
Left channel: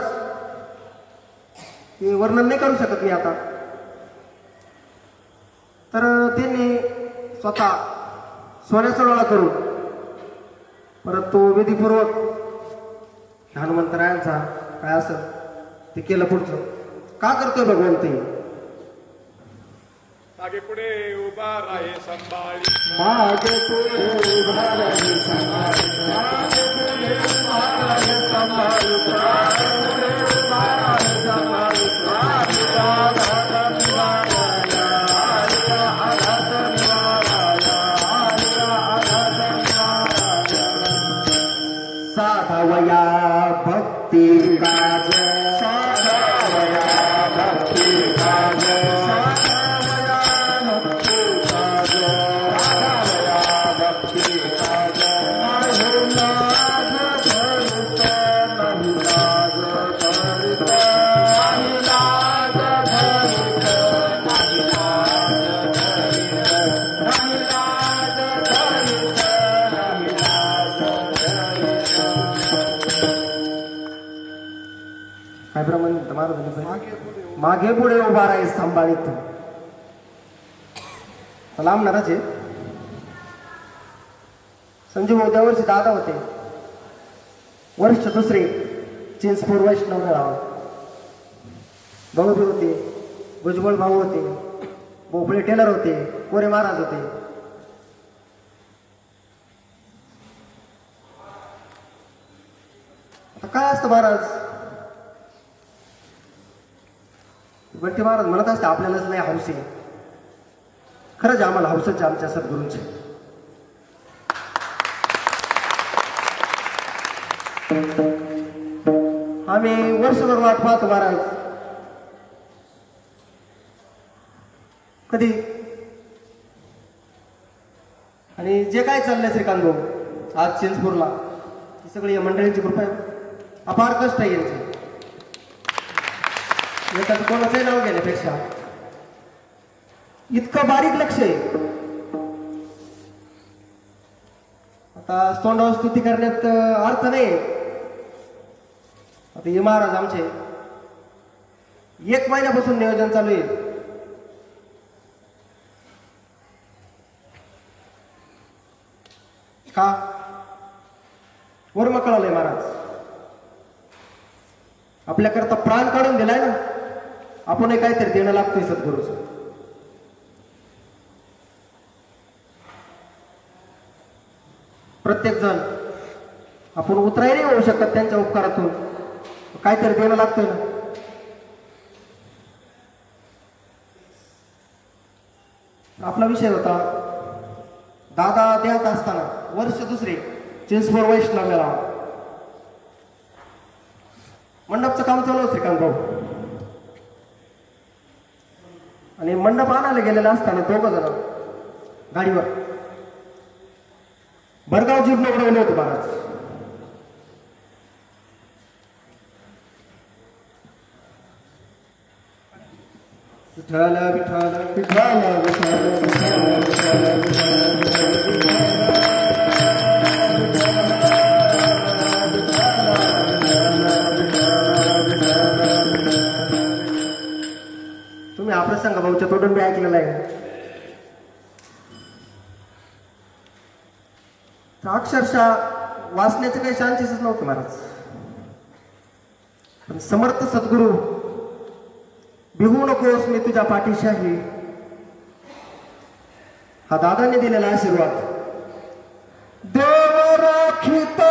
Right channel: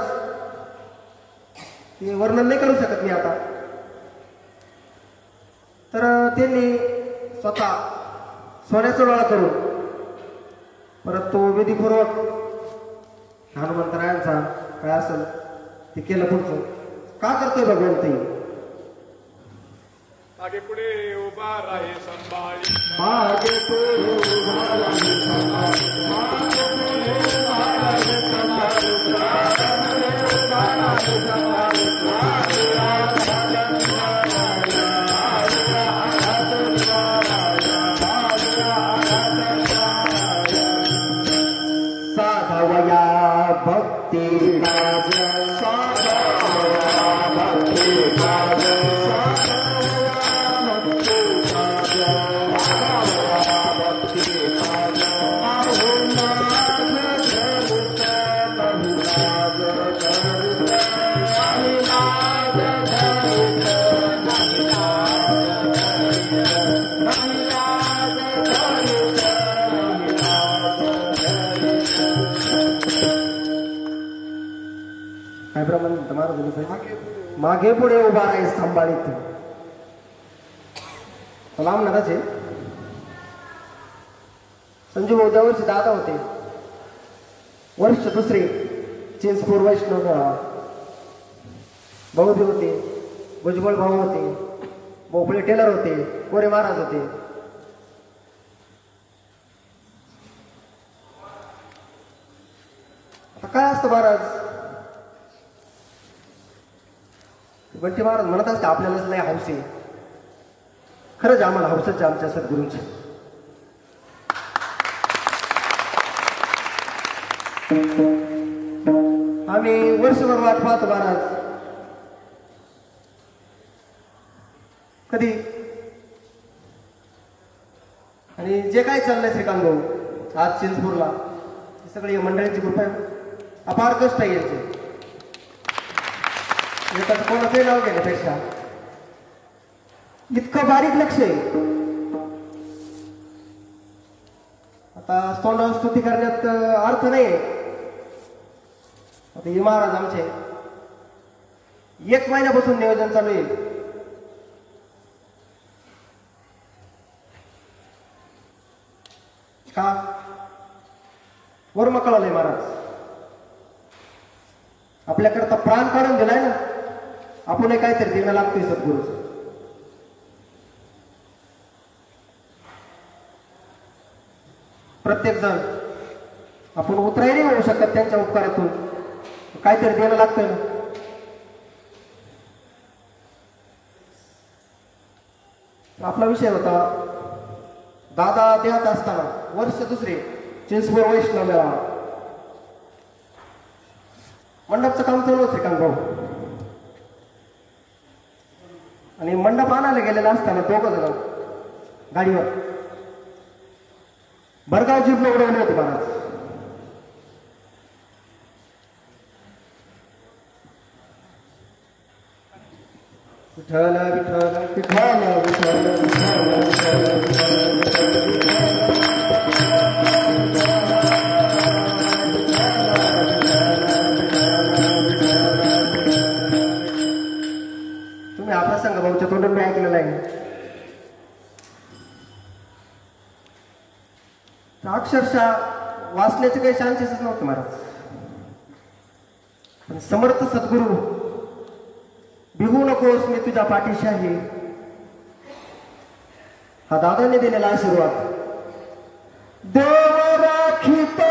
मी वर्णन नाही करू शकत मी आता. तर त्यांनी स्वतः सोन्याचा डोळा करून परत तो विधीपूर्वक हनुमंतरायांचा काय असेल ते केलं. पुढचं का करतोय भगवंत. मागे पुढे उभा राहे संभाळी. मागे पुढे उभा राहे संभाळी. मागे पुढे उभा राहे संभाळी. मागे पुढे उभा राहे संभाळी. साधावया भक्ती राज. साधावया भक्ती राज. काय प्रमाण महाराज मागे पुढे उभा राहील सांभाळीत. लांबणारच आहे. संजू भाऊ त्या वर्षी दादा होते. वर्ष दुसरे चिंचपूर वैष्णव गाव. भाऊ बी होते. भुजबळ भाऊ होते. भोपळे टेलर होते. कोरे महाराज होते. आता काय असतं महाराज. बंटी महाराज म्हणत असते आपल्यालाच नाही हौस आहे. खरंच आम्हाला हौसच आहे आमच्या सद्गुरूंची. आम्ही वर्षभर वाट पाहतो महाराज. कधी आणि जे काय चाललंय श्रीकांत भाऊ आज चिंचपूरला हे सगळी मंडळींची कृपा आहे. अपार कष्ट आहे यांचे. एकाच कोणाचंही नाव घेण्यापेक्षा इतकं बारीक लक्ष आहे. आता तोंडावर स्तुती करण्यात अर्थ नाही. आता हे महाराज आमचे 1 महिन्यापासून नियोजन चालू आहे. का वर्म कळालंय महाराज. आपल्याकरता प्राण काढून दिलाय ना. आपण काहीतरी देणं लागतंय सद्गुरूचं. प्रत्येक जण आपण उतराई नाही होऊ शकत त्यांच्या उपकारातून, काहीतरी देणं लागतंय ना. आपला विषय होता दादा देत असताना वर्ष दुसरे चिंचपूर वैष्णव मेळा मंडपचं काम चालू होतं श्रीकांत भाऊ. आणि मंडप आणायला गेलेला असताना दोघं जण गाडीवर भरगाव जीप उडवले होते महाराज. विठ्ठल विठ्ठल विठ्ठल विठ्ठल तुम्ही हा प्रसंग भाऊच्या तोंडून मी ऐकलेला आहे. अक्षरशः वाचण्याचे काही चान्सेसच नव्हते महाराज. पण समर्थ सद्गुरू भिवू नकोस मी तुझ्या पाठीशी आहे, हा दादाने दिलेला आशीर्वाद. देव राखीतो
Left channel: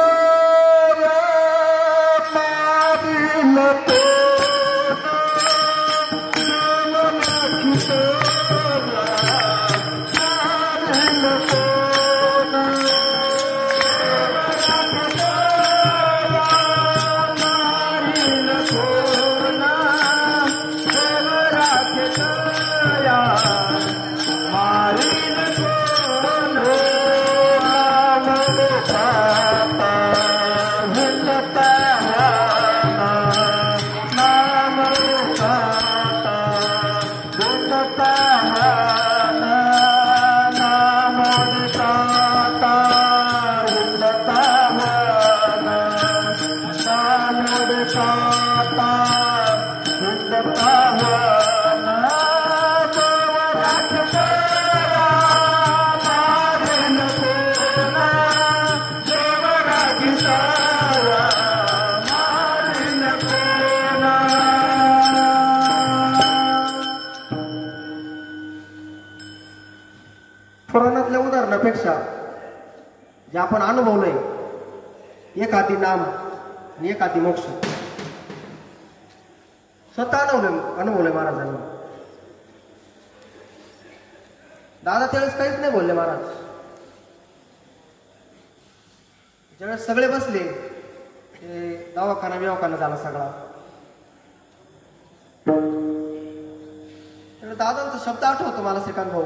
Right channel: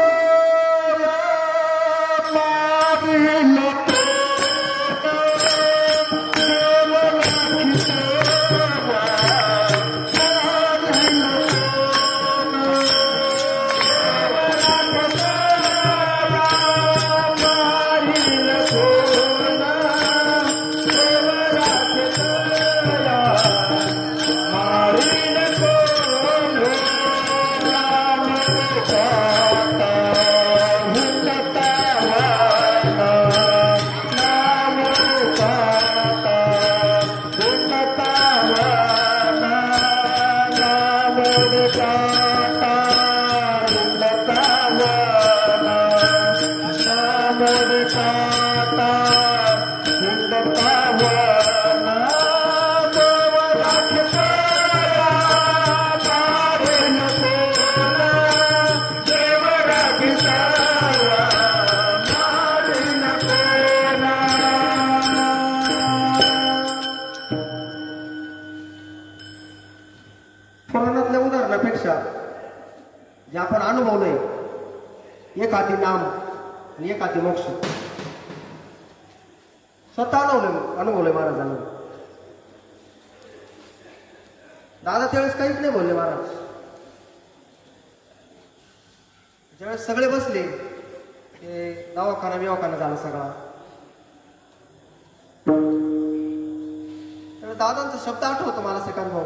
पुराणातल्या उदाहरणापेक्षा जे आपण अनुभवलंय, एक हाती नाम आणि एक हाती मोक्ष, स्वतः अनुभवलंय महाराजांनी. दादा त्यावेळेस काहीच नाही बोलले महाराज. ज्यावेळेस सगळे बसले ते दवाखाना बिवाखाना झाला सगळा, त्यावेळेस दादांचा शब्द आठवतो मला श्रीकांत भाऊ.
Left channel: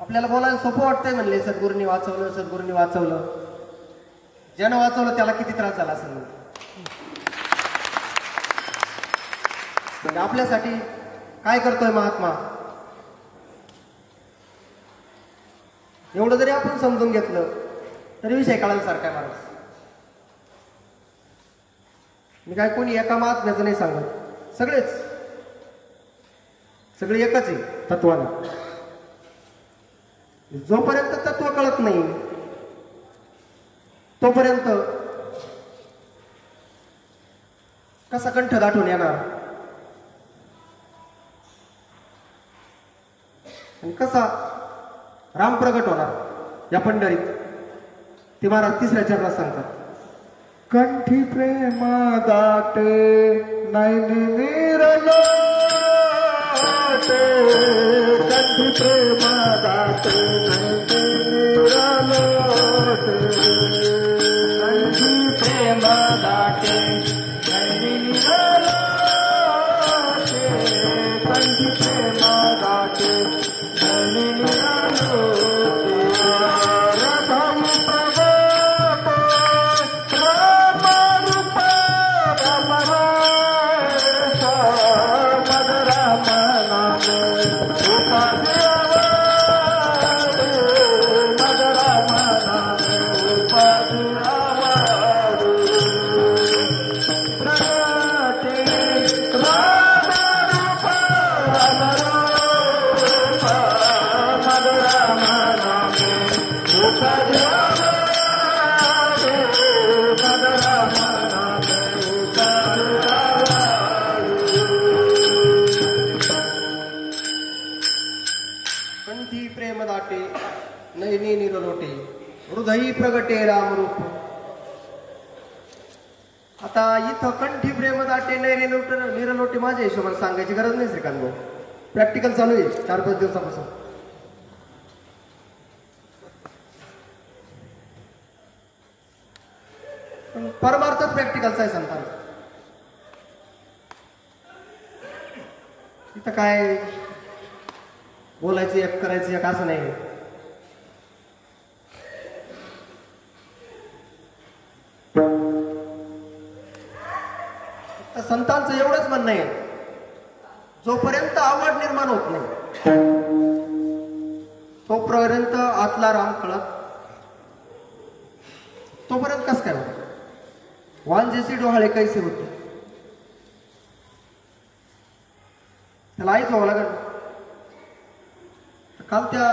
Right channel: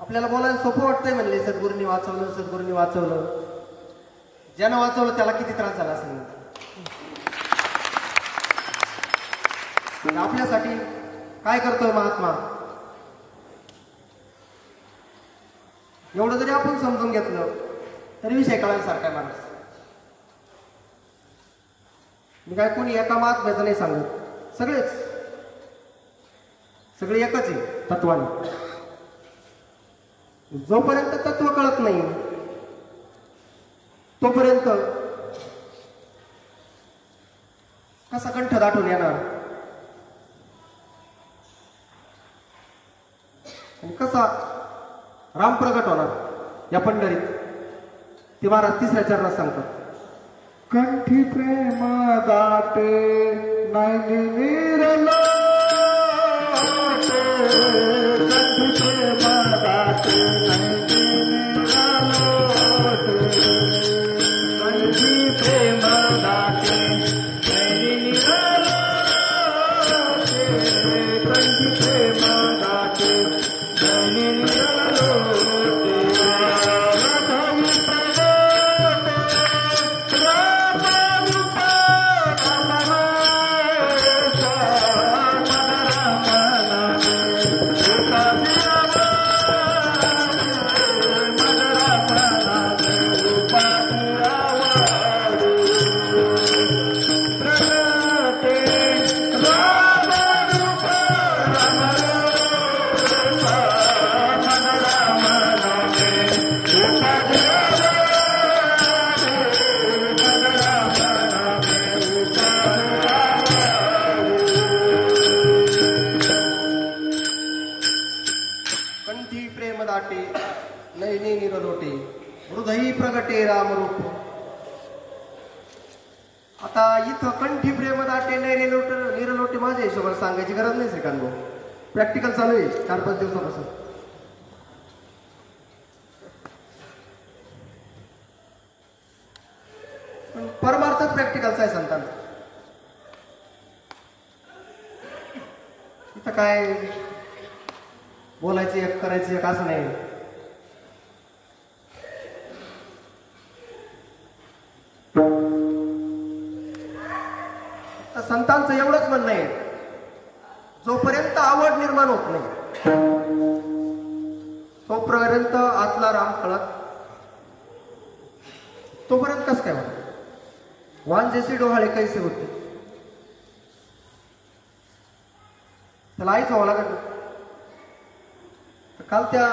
आपल्याला बोलायला सोपं वाटतंय म्हणले सद्गुरूंनी वाचवलं, सद्गुरूंनी वाचवलं. ज्यानं वाचवलं त्याला किती त्रास झाला असेल. आपल्यासाठी काय करतोय महात्मा, एवढं जरी आपण समजून घेतलं तरी विषय कळायसारखा माणूस. मी काय कोणी एका महात्म्याचं नाही सांगत, सगळे एकच आहे तत्वाने. जोपर्यंत तत्व कळत नाही तोपर्यंत कसा कंठ दाटून येणार आणि कसा राम प्रगट होणार या पंढरीत, ते महाराज तिसऱ्या चरणात सांगतात. कंठी प्रेम दाटे नाही विरलो, कंठी प्रेम दाटे नाही विरलो, कंठी प्रेम दाटे नाही विरलो, कंठी प्रेम दाटे नाही विरलो. नयनी निरलोटे हृदयी प्रगटे रामरूप. आता इथं कंठी प्रेम दाटे निरलोटे माझ्या हिशोबाने सांगायची गरज नाही श्रीकांत भाऊ. प्रॅक्टिकल चालू आहे 4-5 दिवसापासून. परमार्थच प्रॅक्टिकलचा आहे संतांचा. इथं काय बोलायचं एक करायचं एक असं नाही. संतांचं एवढंच म्हणणं आहे, जोपर्यंत आवड निर्माण होत नाही तोपर्यंत आतला राम कळत, तोपर्यंत कस काय वांजेसी डोहाळे कैसे होते, त्याला आईच व्हावं लागेल. काल त्या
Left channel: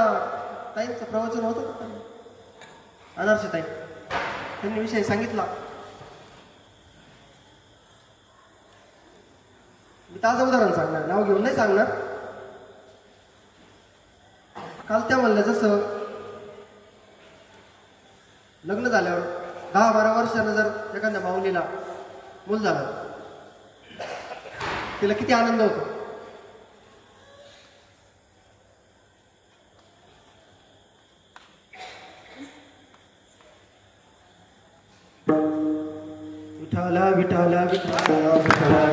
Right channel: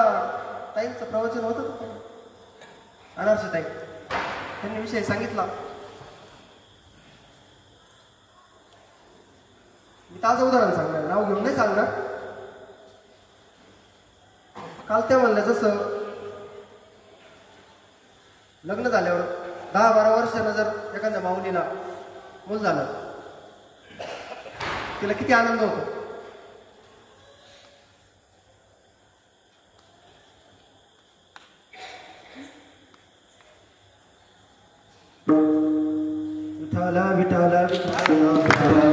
ताईंचं प्रवचन होतं अनारशी ताई, त्यांनी विषय सांगितला. मी ताजं उदाहरण सांगणार, नाव घेऊन नाही सांगणार. काल त्या म्हणलं जसं लग्न झाल्यावर 10-12 वर्षानं जर एखाद्या माऊलीला मूल झालं, तिला किती आनंद होतो. विठाला विठाला विठाला विठाला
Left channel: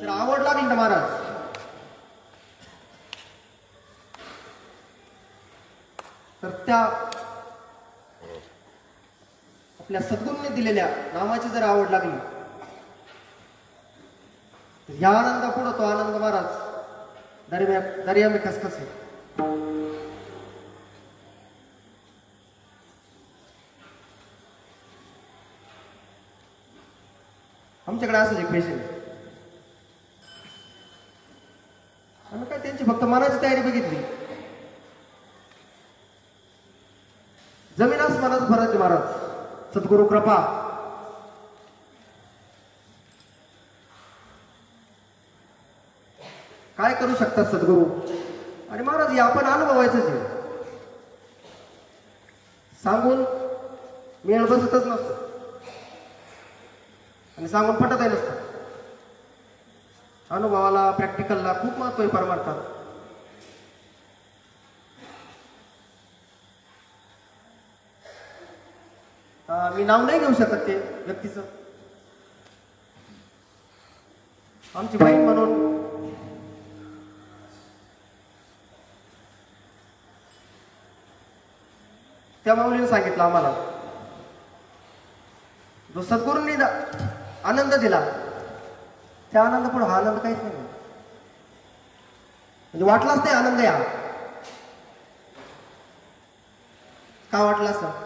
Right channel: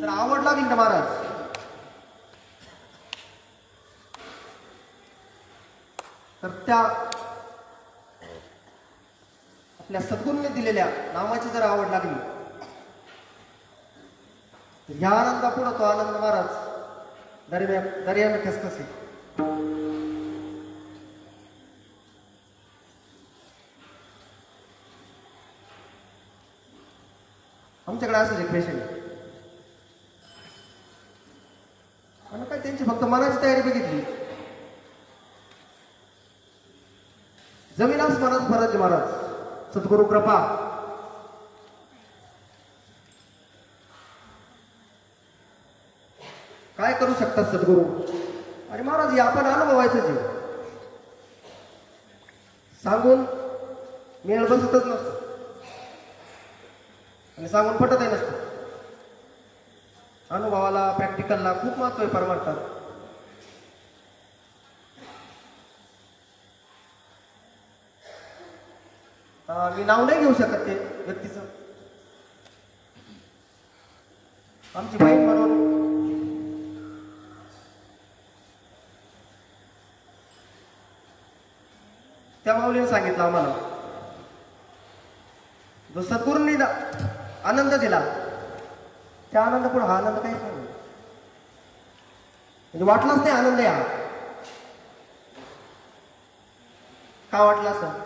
जर आवडला भिंड महाराज तर त्या आपल्या सद्गुरूंनी दिलेल्या नामाची जर आवड लागली, या आनंदापुढं तो आनंद महाराज दर्या में खसखसे. आमच्याकडे असंच एक पेशंट आहे. आम्ही काय त्यांची फक्त मनाची तयारी बघितली. जमीन आसमानाचा फरक आहे महाराज. सद्गुरु कृपा. काय करू शकतात सद्गुरू. आणि महाराज हे आपण अनुभवायचंच आहे. सांगून मेळ बसतच नसतो आणि सांगून पटतही नसतं. अनुभवाला प्रॅक्टिकलला खूप महत्व आहे परमार्थात. मी नाव नाही घेऊ शकत ते व्यक्तीचं. आमची बहीण म्हणून त्या माऊलीने सांगितलं आम्हाला, जो सद्गुरूंनी आनंद दिला त्या आनंद पुढे हा आनंद काहीच नाही. म्हणजे वाटलाच नाही आनंद या. का वाटला असं.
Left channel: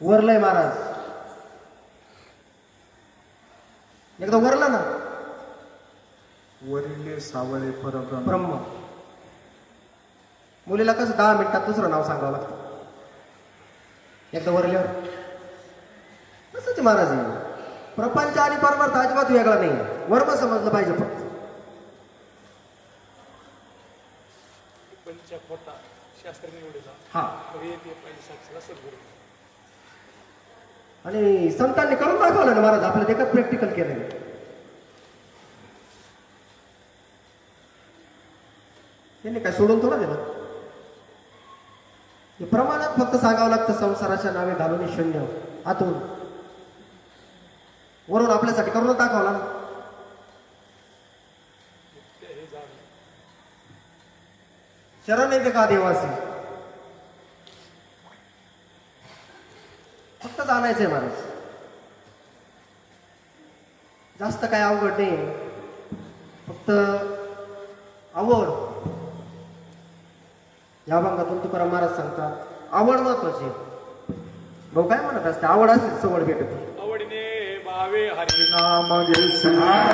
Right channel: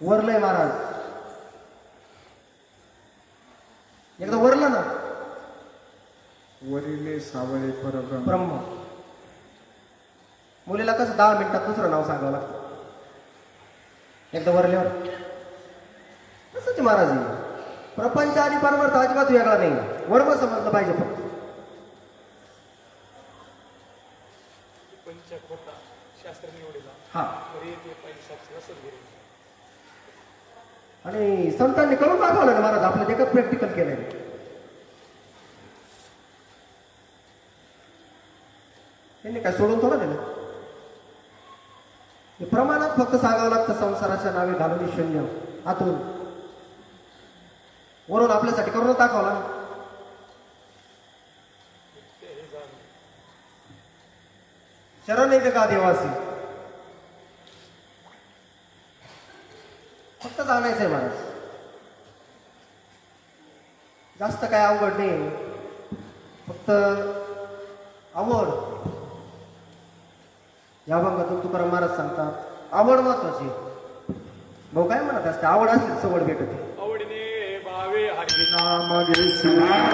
वरलंय महाराज. एकदा वरलं ना, वरिले सावळे परब्रह्म. ब्रह्म. मुलीला कसं 10 मिनिटात दुसरं नाव सांगावं लागतं. एकदा वरल्यावर तसंच महाराज. प्रपंच आणि परमार्थ अजिबात वेगळा नाही. वर्म समजलं पाहिजे फक्त. पंचकोटा शास्त्र निवडला. हा. सद्गुरू आणि संतांनी करून दाखवलं ना महाराज. आपलं एकच प्रॅक्टिकल केलंय. त्यांनी काय सोडून थोडं दिलं. प्रमाणात फक्त सांगावं लागतं. संसाराच्या नावे घालून शून्य आतून वरून आपल्यासाठी करून दाखवला. शरण येते का देवासी. फक्त जाणायचंय महाराज. जास्त काय अवघड नाही. फक्त आवड. या भागातून तुकाराम महाराज सांगतात आवड महत्वाची. भाऊ काय म्हणत असते, आवड असते सवड भेटत. आवडीने भावे हरिनाम हरिनाम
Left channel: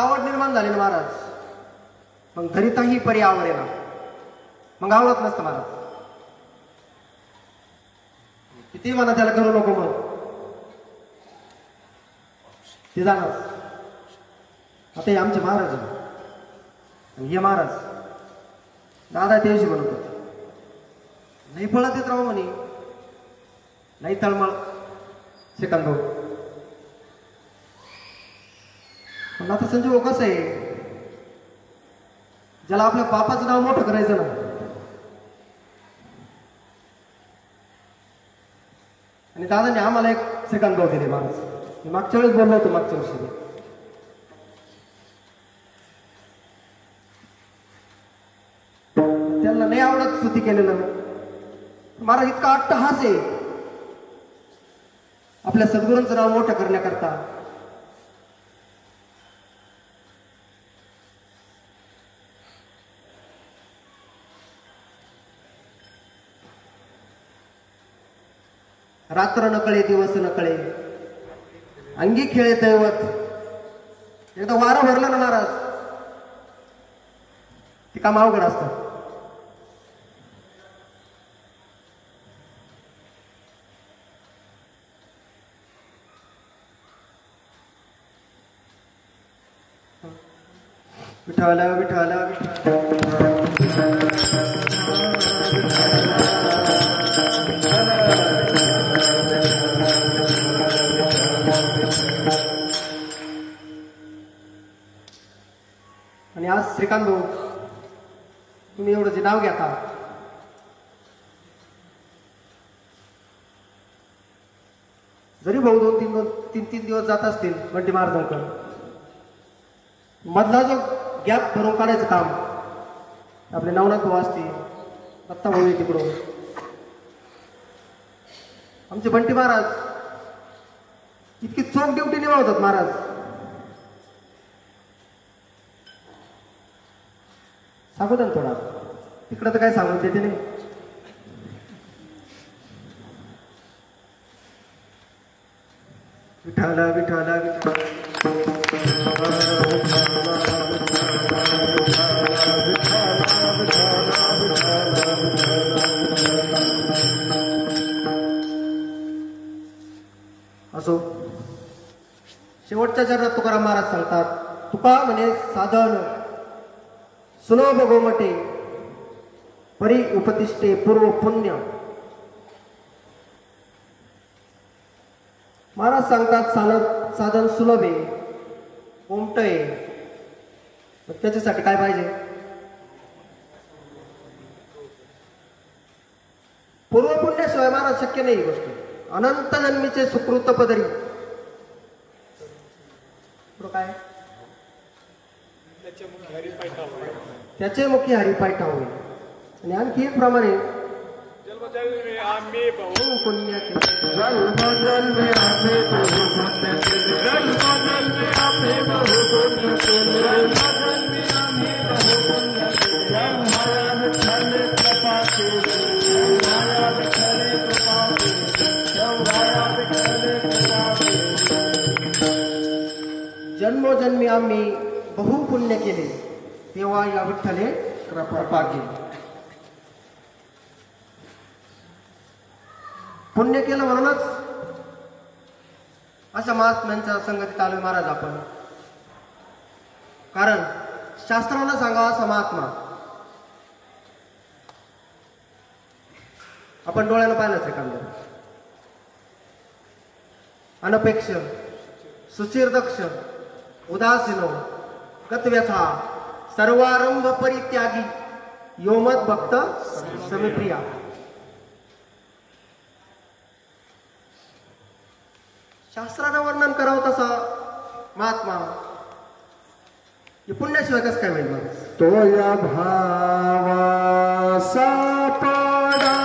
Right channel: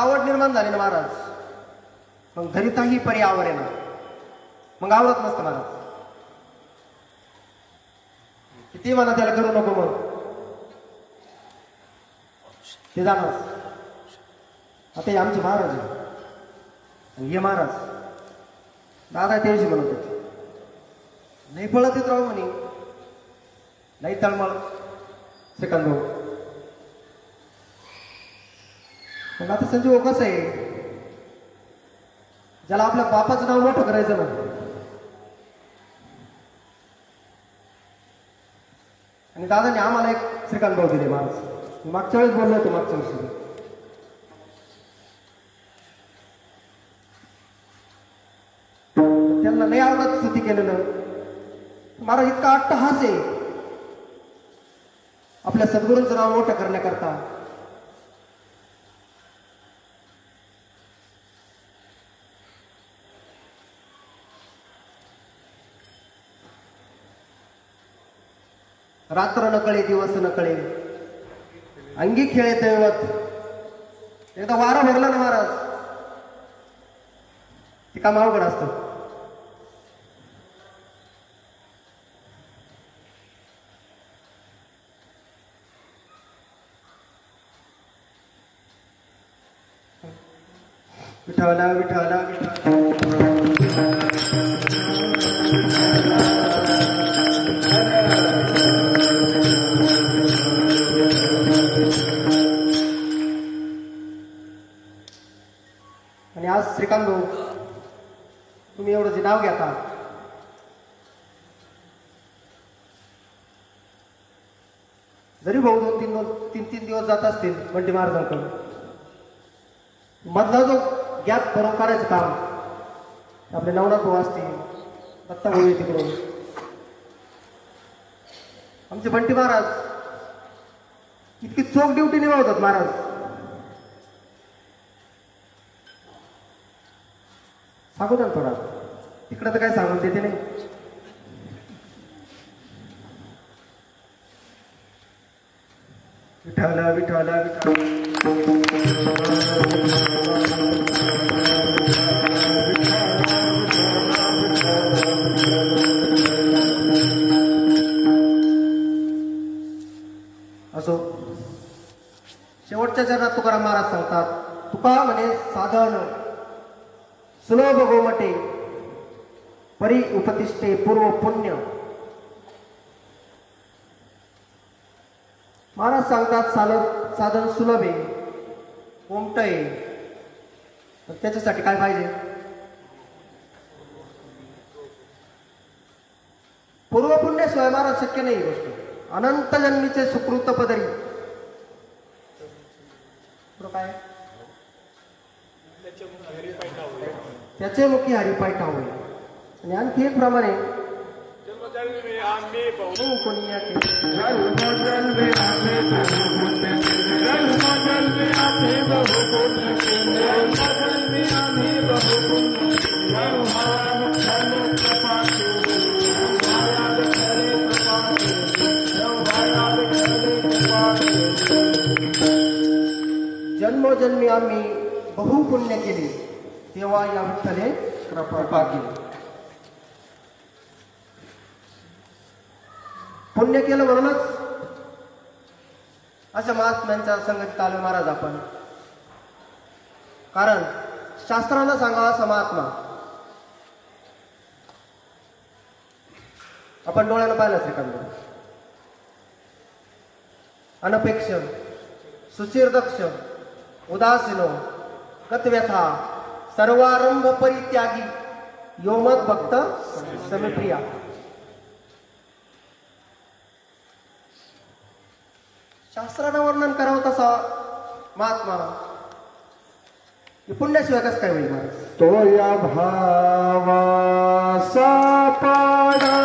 आवड निर्माण झाली ना महाराज, मग धरिताही परी आवडे ना, मग आवडत नसतं महाराज. किती म्हणा त्याला करू नको मग ते जाणार. आता हे आमचे महाराज आहे आणि हे महाराज दादा त्याशी म्हणत होते, नाही पळत येत राहू म्हणे, नाही तळमळ सेकंद भाऊ. पण आता संजीव कसं आहे, ज्याला आपल्या बापाचं नाव मोठं करायचं ना, आणि दादाने आम्हाला एक श्रीकांत भाऊ दिले महाराज. मागच्या वेळेस बोललो होतो, मागच्या वर्षी त्यांना नाही आवडत स्तुती केलेलं. महाराज इतका अट्टहास आहे आपल्या सद्गुरूंचं नाव मोठं करण्याकरता. रात्र नकळे दिवस नकळे अंगी खेळे दैवत. एकदा वारं भरलं ना महाराज, ते काम अवघड असतं. विठाला विठाला विठाला आणि आज श्रीकांत भाऊ तुम्ही एवढं जे नाव घेता, जरी भाऊ तीन दिवस जात असतील बंटी महाराजांकडे, मधला जो गॅप भरून काढायचं काम आपले नवनाथ भाऊ असतील, दत्ता भाऊ तिकडून, आमचे बंटी महाराज इतकी चोख ड्युटी निभावतात महाराज. सांगू द्या थोडा, तिकडं तर काही सांगून देते नाही. विठाला विठाला असो. शेवटच्या चरणात तुकाराम महाराज सांगतात, तुका म्हणे साधन सुलभ गोमटे परी उपतिष्ठे पूर्व पुण्य. महाराज सांगतात साधन सुलभ आहे, कोमट आहे, त्याच्यासाठी काय पाहिजे? पूर्व पुण्याशिवाय महाराज शक्य नाही ही गोष्ट. अनंत जन्मीचे सुकृत पदरी काय त्याचे मुखी हरिपाय ठावे. आणि आणखी एक प्रमाणे जन्मजन्मी आम्ही बहु पुण्य जन्मजन्मी आम्ही बहु पुण्य जन्मजन्मी आम्ही बहु पुण्य जन्मजन्मी आम्ही बहु पुण्य माया खरे कृपा माया खरे कृपा माया खरे कृपा. जन्मोजन्मी आम्ही बहु पुण्य केले, तेव्हा या विठ्ठले कृपा केली. पुण्य केलं म्हणूनच अशा महात्म्यांच्या संगतीत आलोय महाराज आपण. कारण शास्त्रानं सांगा असा महात्मा आपण डोळ्यानं पाहिलाच एखादा, अनपेक्ष सुचिरदक्ष उदासीनो गतव्यथा सर्वारंभ परित्यागी योमत भक्त समिप्रिया. शास्त्रानं वर्णन करावं तसा महात्मा हे पुण्याशिवाय कसं काय होईल? तो या भावा सापडाला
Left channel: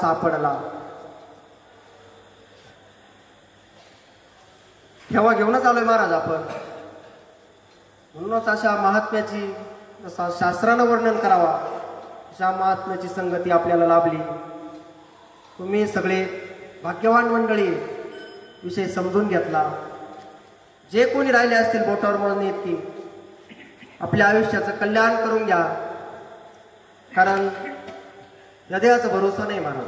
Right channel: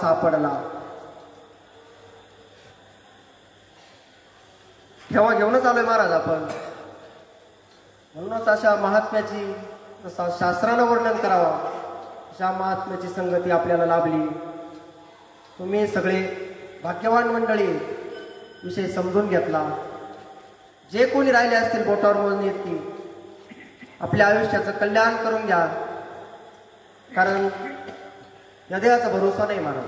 सापडला. ठेवा घेऊनच आलोय महाराज आपण. म्हणूनच अशा महात्म्याची जसा शास्त्रानं वर्णन करावा अशा महात्म्याची संगती आपल्याला लाभली. तुम्ही सगळे भाग्यवान मंडळी विषय समजून घेतला. जे कोणी राहिले असतील बोटावर मोजून इतकी आपल्या आयुष्याचं कल्याण करून घ्या. कारण या देहाचा भरोसा नाही महाराज.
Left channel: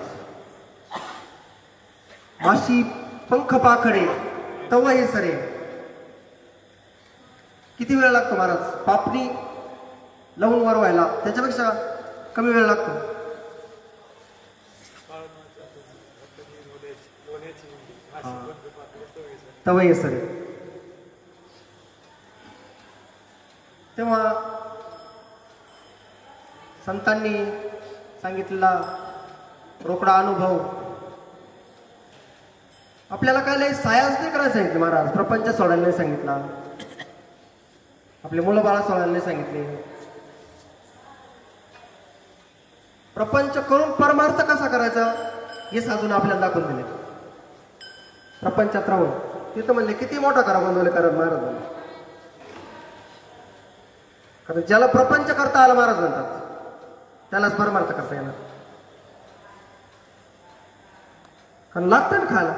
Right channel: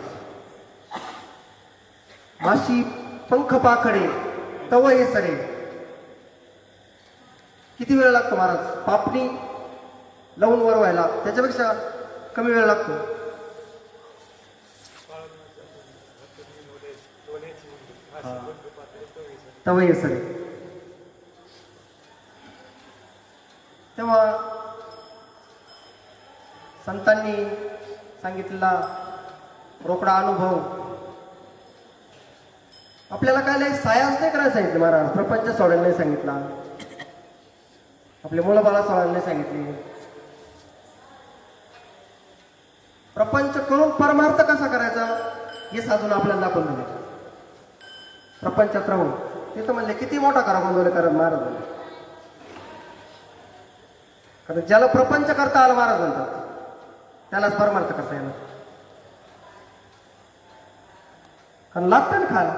माशी पंख पाखडे तव हे सरे. किती वेळ लागतो महाराज पापणी लावून वर व्हायला? त्याच्यापेक्षा कमी वेळ लागतो. तव हे सरे. तेव्हा संतांनी सांगितलेला रोकडा अनुभव आपल्याला काय नाही. सायाच नाही करायला सांगितलं महाराज. प्रपंच सोडायला नाही सांगितला. आपले मुलं सोडायला नाही सांगितले. प्रपंच करून परमार्थ कसा करायचा हे साधून आपल्याला दाखवून दिले. प्रपंचात राहून तिथं म्हणले किती मोठा करा बांधवले करा महाराज म्हणले. कारण ज्याला प्रपंच करता आला महाराज म्हणतात त्यालाच परमार्थ करता येणार. कारण लागतं ना खायला.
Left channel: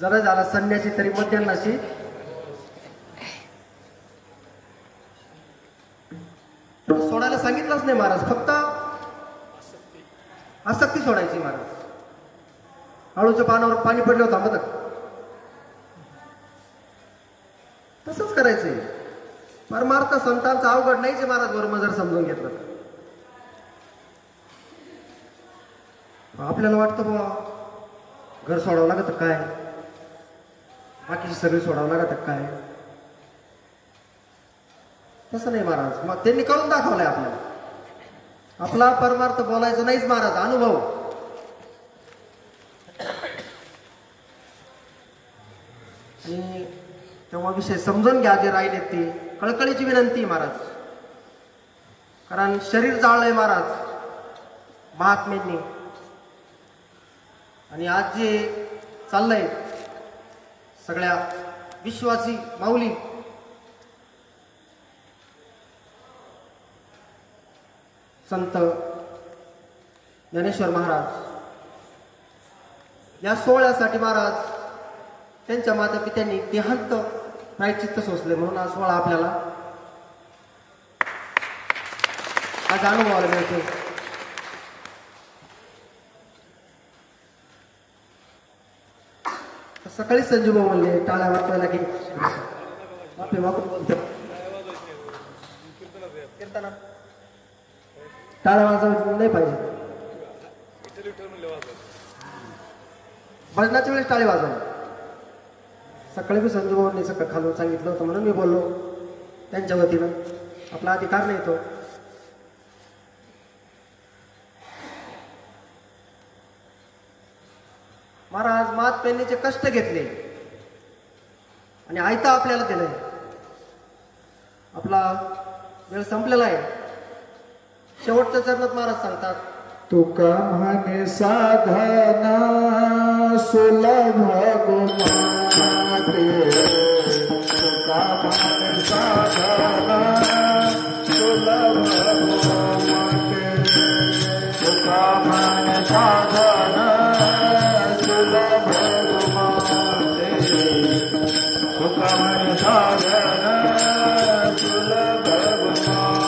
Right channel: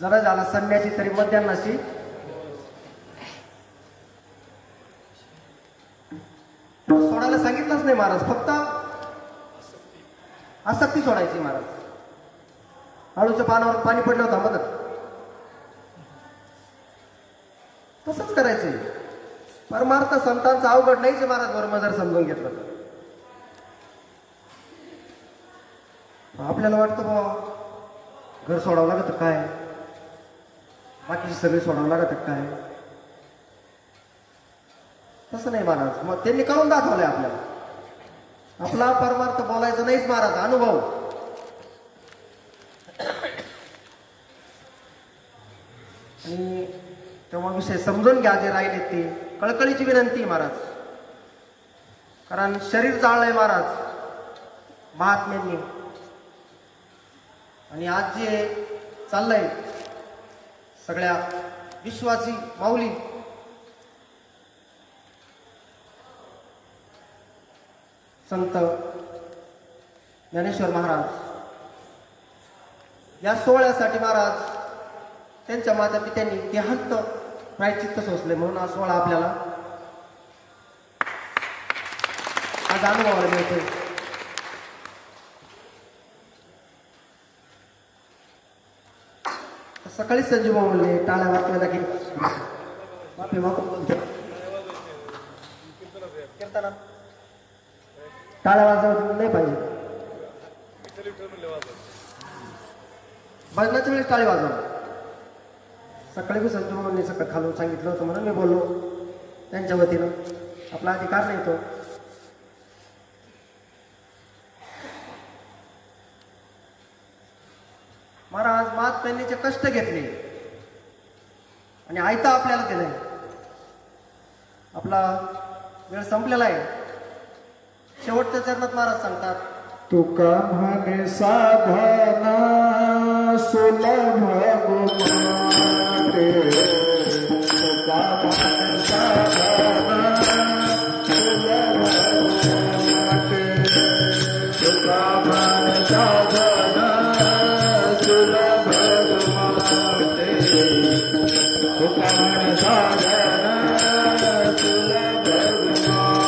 जरा झाला संन्यासी तरी मध्यान्नाशी सोडायला सांगितलंच नाही महाराज. फक्त आसक्ती सोडायची महाराज. आळूच्या पानावर पाणी पडलं होतं मदत तसंच करायचंय. परमार्थ संतांचा अवघड नाहीच महाराज. बरोबर जर समजून घेतलं आपल्याला वाटतं बाबा घर सोडावं लागत काय, बाकीची सगळी सोडावं लागत काय. तसं नाही महाराज. मग त्यांनी करून दाखवलंय आपल्याला. आपला परमार्थ बोलायचं नाहीच महाराज. अनुभव. आणि तेव्हा विषय समजून घ्या जे राहिले ते. कळकळीची विनंती महाराज. कारण शरीर जाळलंय महाराज महात्म्यांनी. आणि आज जे चाललंय सगळ्या विश्वासी माऊली संत ज्ञानेश्वर महाराज या सोहळ्यासाठी महाराज त्यांच्या माता पित्यांनी देहांत प्रायश्चित्त सोसले. म्हणून हा सोहळा आपल्याला आज अनुभवायला मिळतोय. सकाळी संजीव म्हणले टाळ्या वाजवायला की माफी मागून बोलते कीर्तना टाळ्या वाजवून नाही पाहिजे. भजनाच्या वेळेस टाळी वाजवा. सकाळी मी संजीव भाऊंनी सकाळ खालून सांगितलं होतं म्हणून मी बोललो त्यांच्या वतीनं. आपला अधिकार नाही तो. महाराज महात्म्यांनीचे कष्ट घेतले आणि आयता आपल्याला दिलंय. आपला वेळ संपलेला आहे. शेवटच्या चरणात महाराज सांगतात तुका म्हणे साधना सुलभ गुमाते. तुका म्हणे साधना सुलभ गुमाते. तुका म्हणे साधना सुलभ गुमाते. तुका म्हणे साधना सुलभ गुमाते.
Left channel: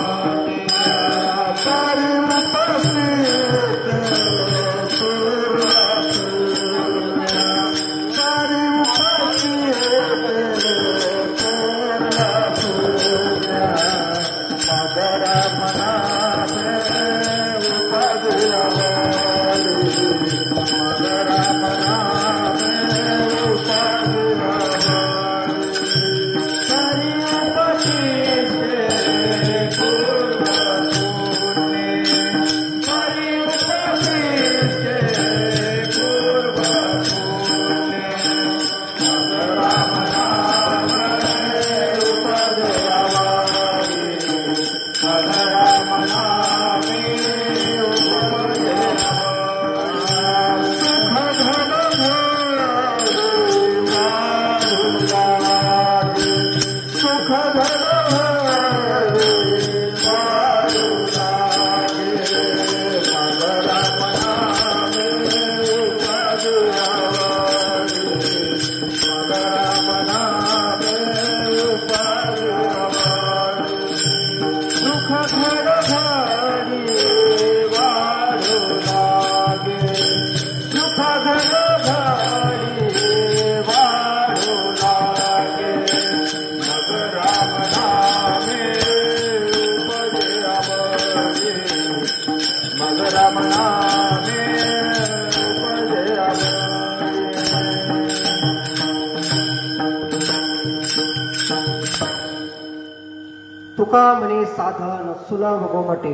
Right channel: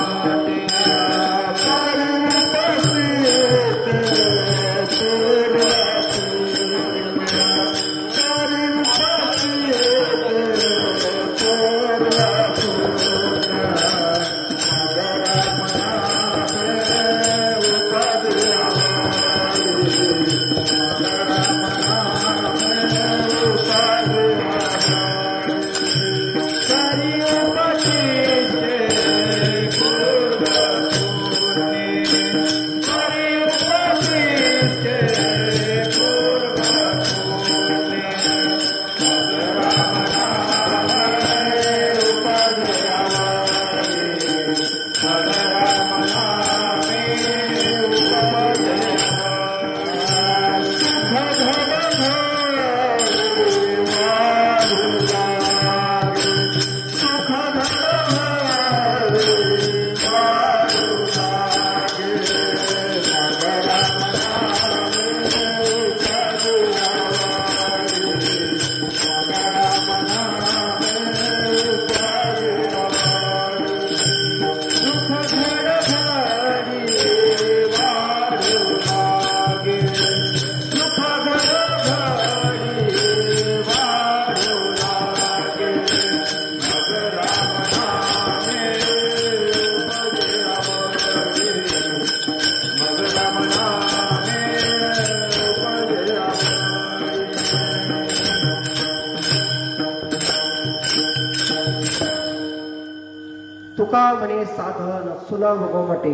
तुका म्हणे साधन सुलभ गोमटे,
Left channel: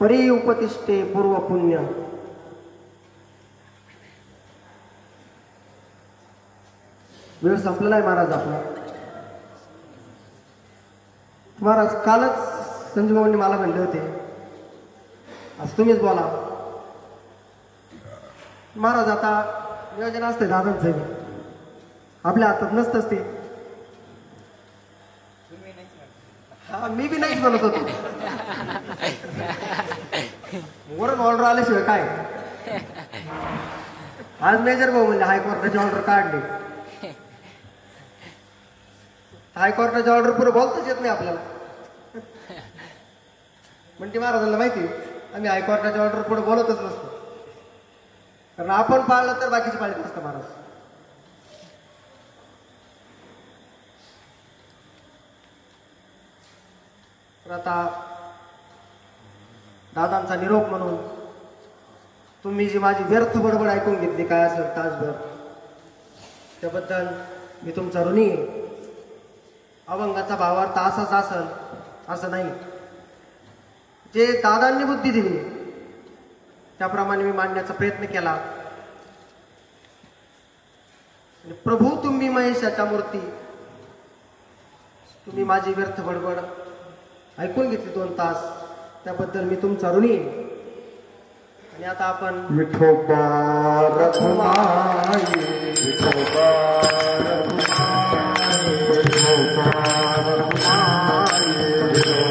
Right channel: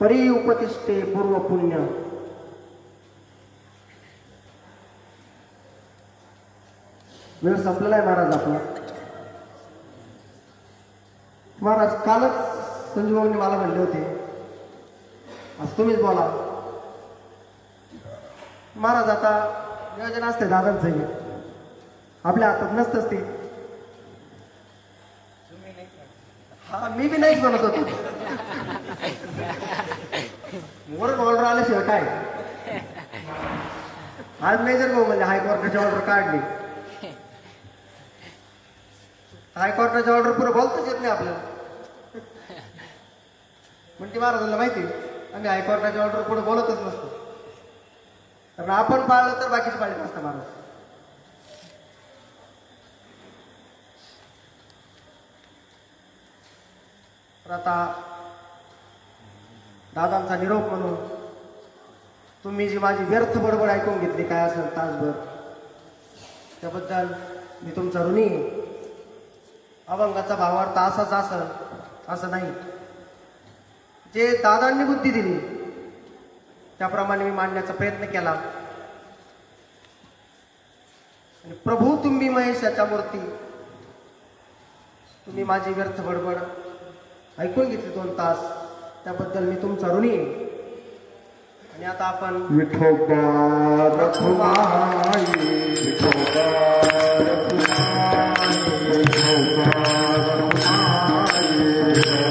परी उपतिष्ठे पूर्व पुण्य. वेळ संपलेला आहे महाराज आपला. महाराज कालच संजूबाबांनी मला म्हणले होते आज तुम्हीच बोला. महाराज आता नियोजन असते दादांचं, आपल्या हातात नसतंच ते. हा मी बी नाहीच म्हणत होतो. वरून ऑर्डर आल्याशिवाय काय. आज मेजर भाऊ म्हणजे हायकोर्टाची ऑर्डर काढली. हायकोर्टाच्या ऑर्डर पुढे बोलताच येत नाही आपल्याला. म्हणते महाराजांना माहिती आम्ही हायकोर्टाच्या ऑर्डर पुढे बोलतच नसतो, कारण आपण पाळलं तर बाकीचे पाळत नसतं महाराज. तर आता दादांचा निरोप म्हणून तुम्ही जी माझी व्यर्थ बडबड ऐकून घेतली काय असेल तासभर, त्याबद्दल मी तुमचा ऋणी आहे. अभंगाचा भावार्थ असाच असेल असं नाही. जे दादांनी बुद्धी दिली त्याप्रमाणे मी मांडण्याचा प्रयत्न केला. आणि प्रभू तुम्ही महेशाच्या मूर्ती, तुम्ही माझी व्यर्थ बडबड ऐकून घेतली 2 तास, त्याबद्दल मी तुमचा ऋणी आहे. आणि आता आपण विठोबा रखुमाई, विठोबा रखुमाई, विठोबा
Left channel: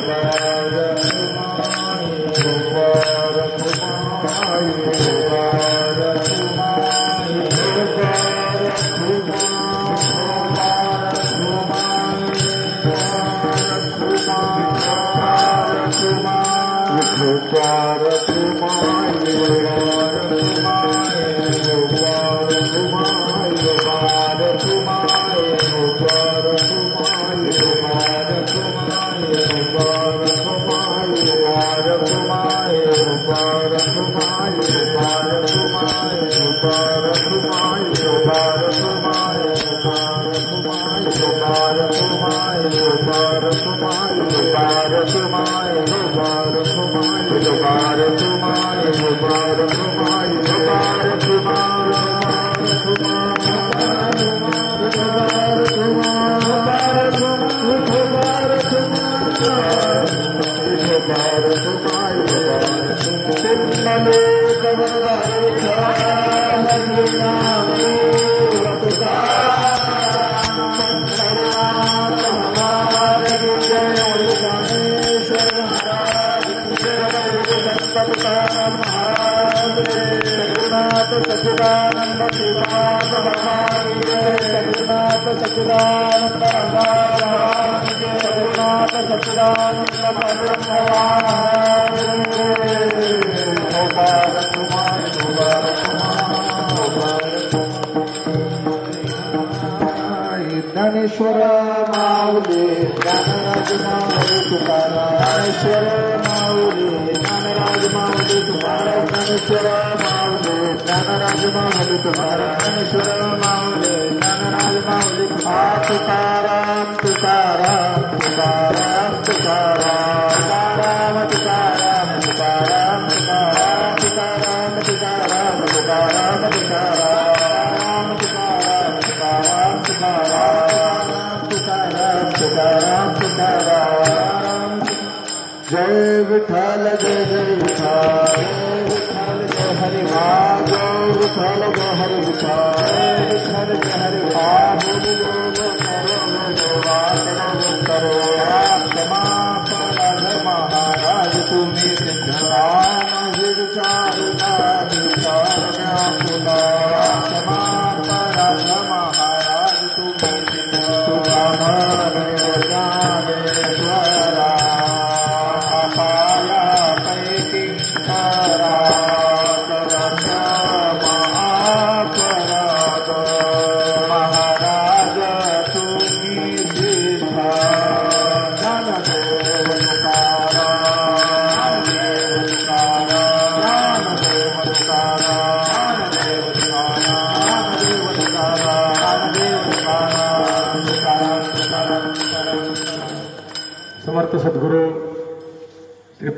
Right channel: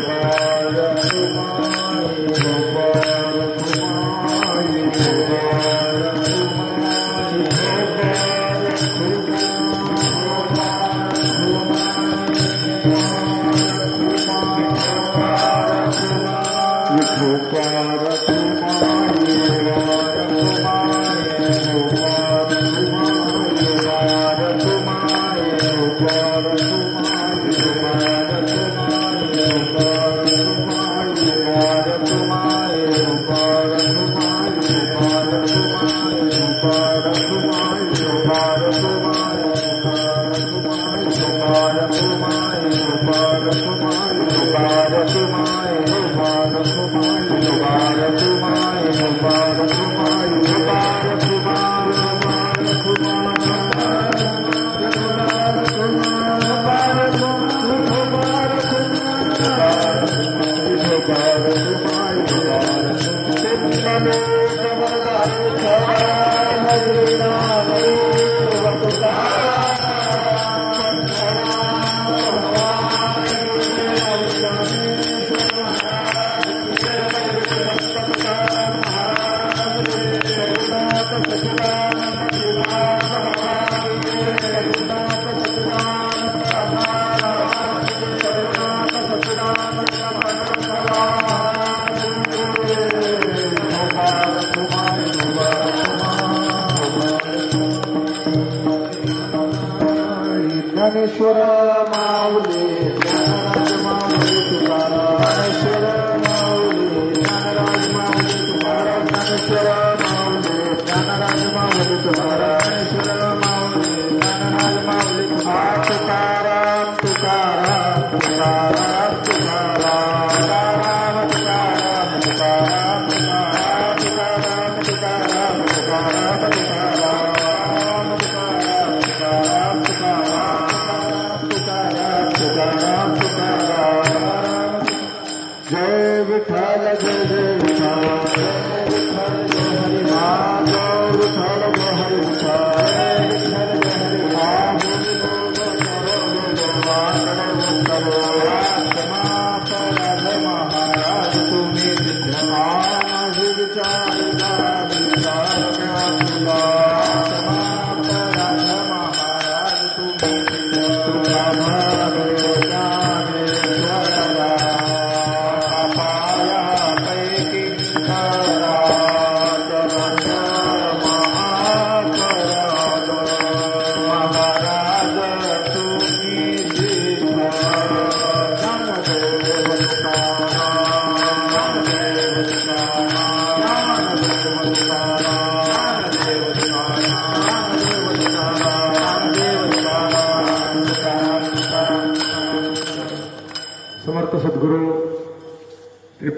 रखुमाई, विठोबा रखुमाई, विठोबा रखुमाई, विठोबा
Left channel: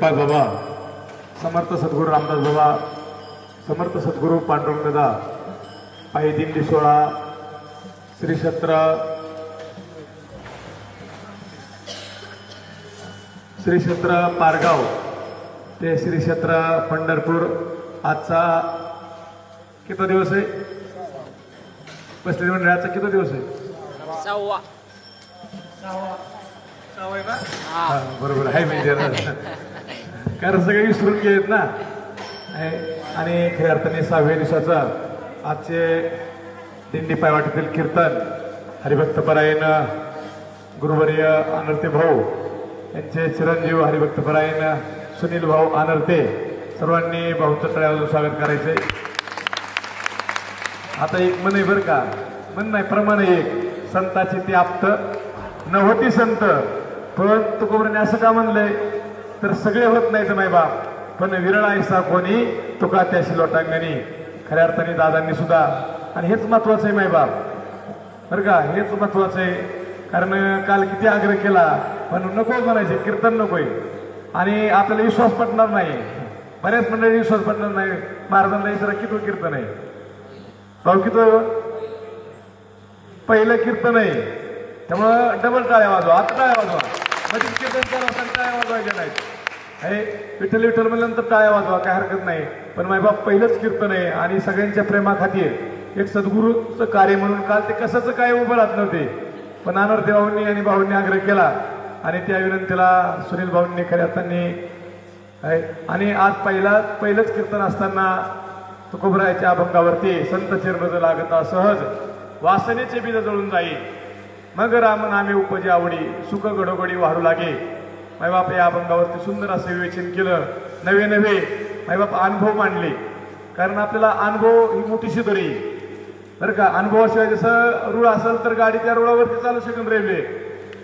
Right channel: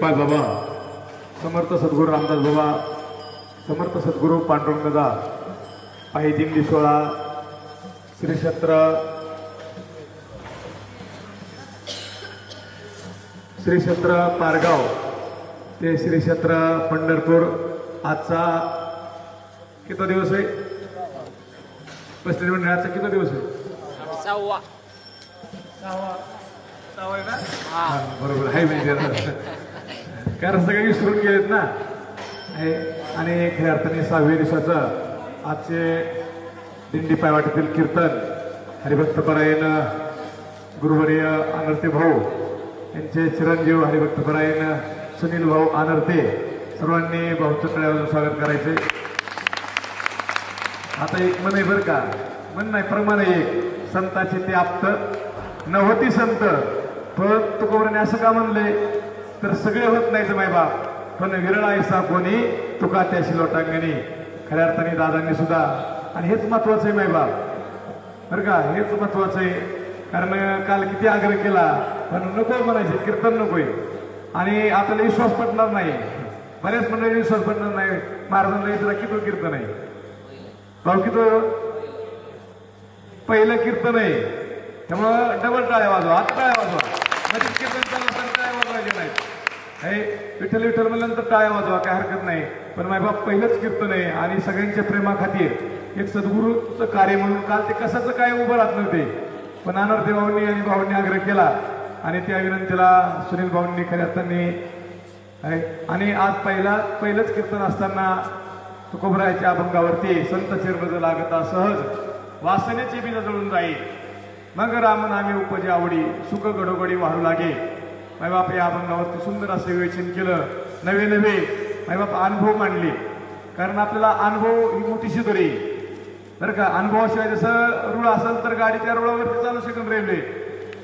गोपाळ बाबा, समर्थ सद्गुरू रामदास बाबा, समर्थ सद्गुरू पांडुरंग दादा, आई दिंडी सोहळा, श्री क्षेत्र पारगाव ते श्री क्षेत्र पंढरपूर आजचा किती दिवस आहे? पस्तीस मंडळाचा किती दिवस आहे? सहावा आहे ना? बरोबर आहे म्हणजे कारण सगळे विसरून गेलेत ना. आणि खऱ्या अर्थाने 6व्या दिवसाचा आजचे दिंडी पायवाटेतील कीर्तन हरिभक्तपरायण गुरुवर्य आनर्ते भाऊ यांचे चिरंजीव हरिभक्तपरायण सुनील भाऊ आनर्ते सर्वांनी भाऊचं तळ्यावर स्वागत करायचे. आता एक मन आहे बरं का, मन नाही प्रमाण एक, संताची ते आप्त न होती संत, पण तुकोबराने असं का म्हणलंय तर सगळे होत नाहीत मायबाप, पण विरळ ऐसा कोणी तुका त्याशी लोटांगणी. खऱ्या अर्थाने दादांनी सुद्धा, आणि हेच महत्वाचं आहे मायबाप बरं का, हेच महत्वाचं आहे. कारण काल किती आग्रह केला पण नको म्हणायचे, कीर्तन नकोय आणि आपल्याला विश्वास पडणार नाही. बऱ्याच मंडळी विश्वास पडणार नाही. महाराजांना विचारा किती कीर्तन आहे भाऊ, किती पहिलं कीर्तन आहे, त्यामुळं डबल टाळ्या वाजवा, आता टाळ्या वाजवा. म्हणजे कीर्तन केला पण टाळ्या वाजवायच्या नाहीत. हे विठ्ठल विठ्ठल म्हणल्यानंतर टाळ्या वाजवा, काय हरकत नाही, पण मायबाप पहिलंच कीर्तन आहे. आणि सगळ्यांच्या प्रेमाखातीर एक सद्गुरूचं कार्य म्हणून काल ते कशाचं काय उभं राहत नव्हते, पण आनर्ते भाऊंनी आणि भाऊंनी आग्रह केला आणि त्या विनंतीला सुनील भाऊंनी खऱ्या अर्थाने आणि आज पहिलंच कीर्तन असताना तुकोबरायाच्या अभंगावरती संत चरण लागता सहज वासनेचे बीज जळून जाई, मग राम नामे उपजे आवडी सुख गडोगडी वाढू लागे. मायबाप या अभंगावरती सुंदर असं विवेचन केलं, नवे नवे मायबाप अनुभव मांडले. कारण आपल्याला अनुभव ही मोठीशी दोरी बरं का. अनुभवाशिवाय जसं रूळ असेल तर गाडी त्या रुळावरती चालू शकून राहिले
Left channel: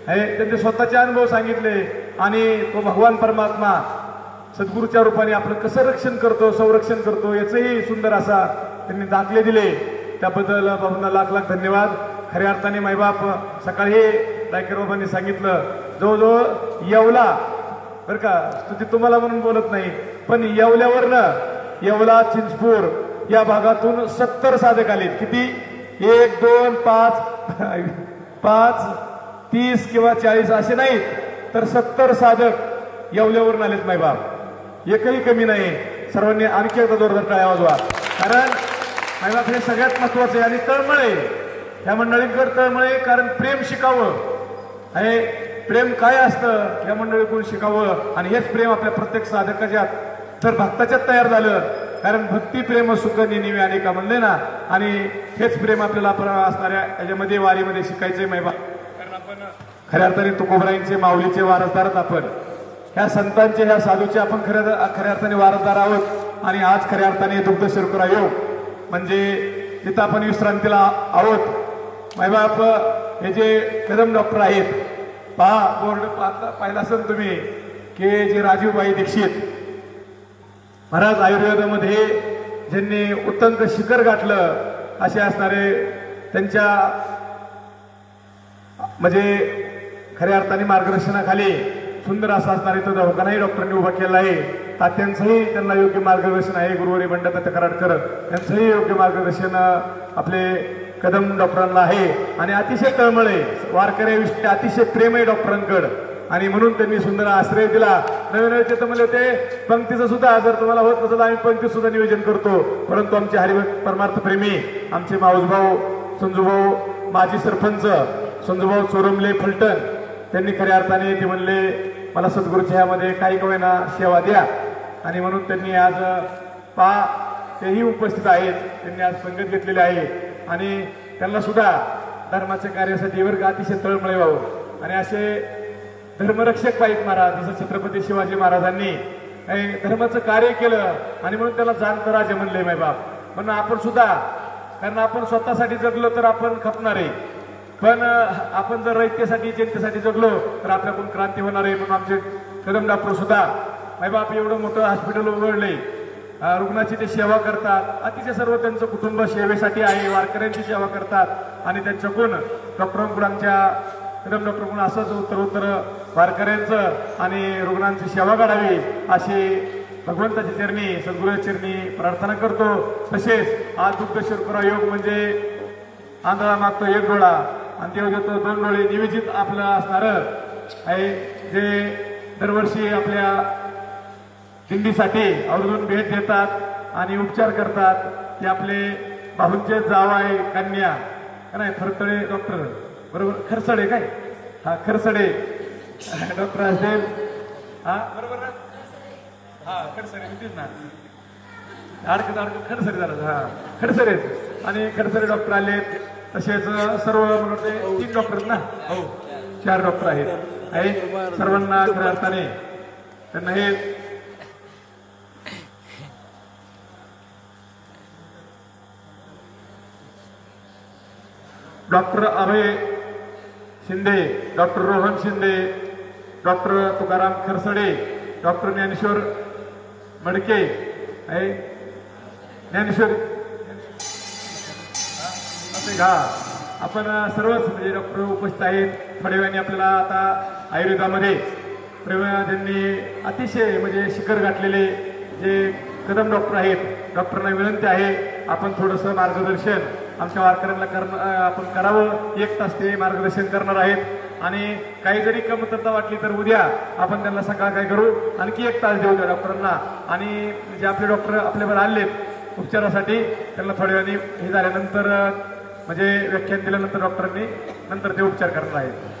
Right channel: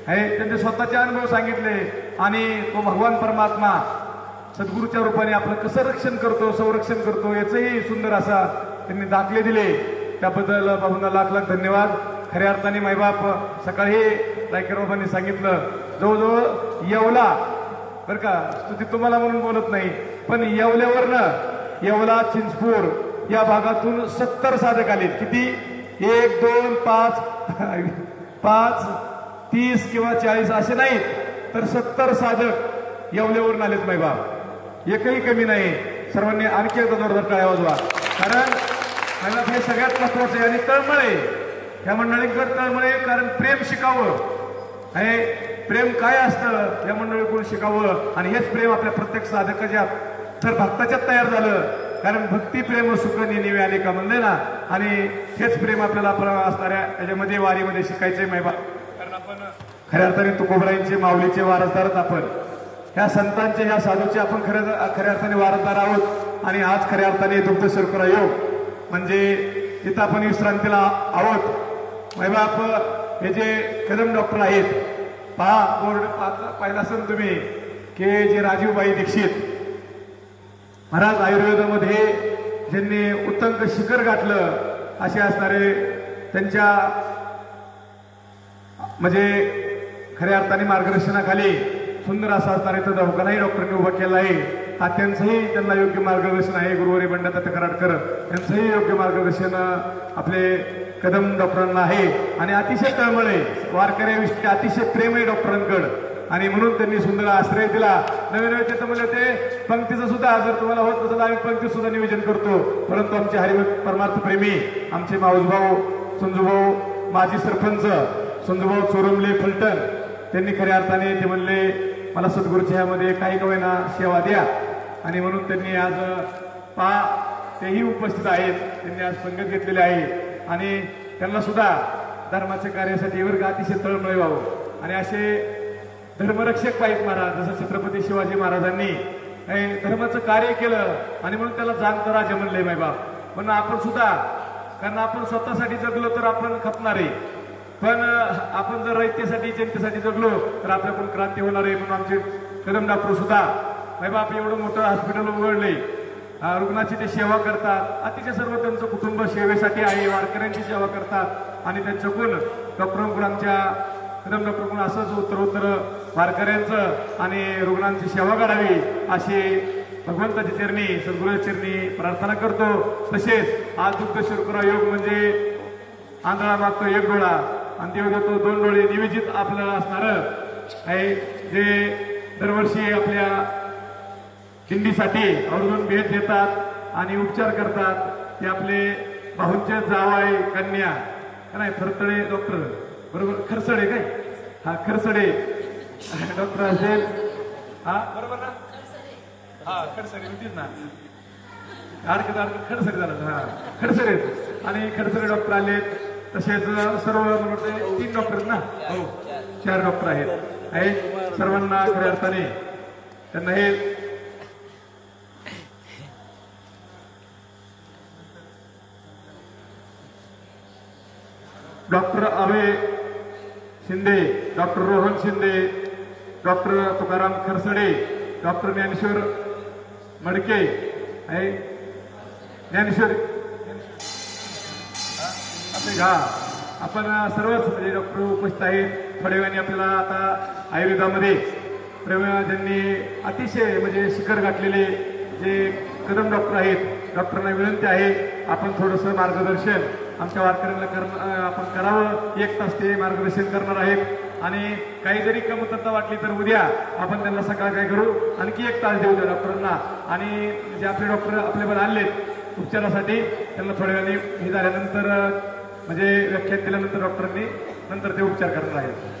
आहे. त्यांचे स्वतःचे अनुभव सांगितले आणि तो भगवान परमात्मा सद्गुरूच्या रूपाने आपलं कसं रक्षण करतो, संरक्षण करतो याचंही सुंदर असा त्यांनी दाखले दिले. त्याबद्दल बाबूंना लाख लाख धन्यवाद. खऱ्या अर्थाने मायबाप सकाळी डायकर बाबांनी सांगितलं जवळजवळ येवला बरं का, स्तुती तुम्हाला म्हणून बोलत नाही, पण येवल्यावरनं येवला चिंचपूर या भागातून 70 साधक आलेत. किती? 1 2 5 30 किंवा 40 असे नाहीत, तर 70 साधक येवल्यावरून आलेत मायबाप. एकही कमी नाही. सर्वांनी आणखी एकदा जोरदार टाळ्या वाजवा. कारण मायबाप हे सगळ्यात महत्वाचं आहे. आणि तळमळे या मंडळींकर तळमळे, कारण प्रेम शिकावं आणि प्रेम काय असतं या मंडळीकडून शिकावं. आणि हेच प्रेम आपल्या प्रत्येक साधकाच्या तर भक्ताच्यात तयार झालं. कारण भक्ती प्रेम सुख नेहमी आले का म्हणले ना, आणि हेच प्रेम आपल्याला आपण असणाऱ्या याच्यामध्ये वारीमध्ये शिकायचंय मायबाप. कारण आपण खऱ्या अर्थाने तुकोबरायांचे माऊलीचे वारसदारच आपण, ह्या संतांचे ह्या साधूचे आपण खऱ्या अर्थाने वारसदार आहोत. आणि आज खऱ्या अर्थाने दुग्ध शर्करा योग म्हणजे जिथं आपण विश्रांतीला आहोत मायबाप. हे जे कदम डॉक्टर आहेत पहा, बोर्ड पाहिला असेल तुम्ही की जे राजीवबाई दीक्षित महाराज आयुर्वेदामध्ये ज्यांनी उत्तंक शिखर गाठलं असे असणारे त्यांच्या म्हणजे खऱ्या अर्थाने मार्गदर्शनाखाली सुंदर असा असणारे तो दवाखानाही डॉक्टरांनी उभा केला आहे. तात्यांचंही त्यांना योग्य मार्गदर्शन आहे. गुरुवारी बंडाता कराडकर यांचंही योग्य मार्गदर्शन आपले कदम डॉक्टरांना आहे. आणि अतिशय तळमळे वारकऱ्याविषयी अतिशय प्रेम आहे डॉक्टरांकडे. आणि म्हणून त्यांनी सुंदर आश्रय दिला. नवीन नवीन तर म्हणजे ते पंक्तीचं सुद्धा जर तुम्हाला होत नसेल आम्ही पंक्ती सुद्धा नियोजन करतो. परंतु आमचे हरिभक्त परमार्थ प्रेमी आमचे माऊसभाऊ संजूभाऊ माजी सरपंच संजूभाऊ चोरमले फलटण त्यांनी खऱ्या अर्थाने ते म्हणले मला सद्गुरूच्या ह्यामध्ये काही कवेना सेवा द्या. आणि म्हणून त्यांनी आज पहा तेही उपस्थित आहेत. त्यांनी आज पंगत घेतलेले आहे आणि त्यांना सुद्धा धर्माच्या कार्यासाठी वर्ग अतिशय तळमळे व्हावं. आणि असे धर्मरक्षक पाहिजेत महाराज. जसं छत्रपती शिवाजी महाराजांनी धर्माचं कार्य केलं आणि म्हणून त्याला जाणतं राजा म्हणलंय मायबाप. म्हणून आपण सुद्धा, कारण आपण स्वतःसाठी जगलो तर आपण खपणार आहे, पण आपण जर रयतेसाठी जनतेसाठी जगलो तर आपल्याकडून क्रांती होणार आहे. म्हणून आमचे कदम डॉक्टर सुद्धा मायबाप एवढं मोठं हॉस्पिटल उघडले, रुग्णाची ते सेवा करतात. अतिशय सर्व त्यांचं कुटुंब सेवेसाठी आहे, वारकऱ्यांची सेवा करतात. आणि त्यांच्याकडून डॉक्टरांकडून आमच्या कदम डॉक्टरकडून असंच उत्तर वारकऱ्यांचं आणि रुग्णांची सेवा करावी अशी भगवंताची चरणी सद्गुरूच्या चरणी प्रार्थना करतो. तसेच आज दुग्ध शर्करा योग म्हणजे आंधळा मागतो एक डोळा आणि देव देतो 2 डोळे नियोजित आपलं असणार आहे, जे दरवर्षी आपल्या दिंडीसाठी आवर्जून भेट देतात आणि उपचार करतात. ते आपले भाऊंचे जावाई कन्या नाही थरतडे डॉक्टर बरोबर खरसडे काय हा खरसडे डॉक्टर असेल हा बरोबर ना हा खडसरे होतीच ना अडकत खडसरे जरा हा खडसरे आणि खडसरे डॉक्टर आले. तसेच सर्व मला वाटते 3 डॉक्टर ना हो 4 डॉक्टर आहेत. सर्वांना खऱ्या अर्थाने त्यांना हे doctor Abhay Shinde, doctor Rohan Shinde, doctor Tukaram Kharsade, doctor Dnyaneshwar Madke आहे ज्ञानेश्वर असे घा आपण सर्वच म्हणजे डॉक्टर उपस्थित आहेत. थोड्या वेळाने आपल्याला आता आयुर्वेदामध्ये त्यांनी अतिशय म्हणजे शिखर गाठलेले जे कदम डॉक्टर आहेत डॉक्टरांना विनंती आहे आपण थोडंसं मार्गदर्शन आमच्या वारकऱ्यांना आपण करावं. 1 तास ते मार्गदर्शन करणार आहेत आणि काही जरी कमतरता वाटली तर उद्या आपण त्यांना सकाळ काय करू आणखी 1 तास देऊ त्या डॉक्टरांना आणि जे आपले डॉक्टर आपल्यावर आले उपचारासाठी त्यांना थोड्या वेळाने हे झाल्यानंतर म्हणजे व्याख्यान दिल्यानंतर डॉक्टरांनी नंतर ते उपचार करणार आहेत.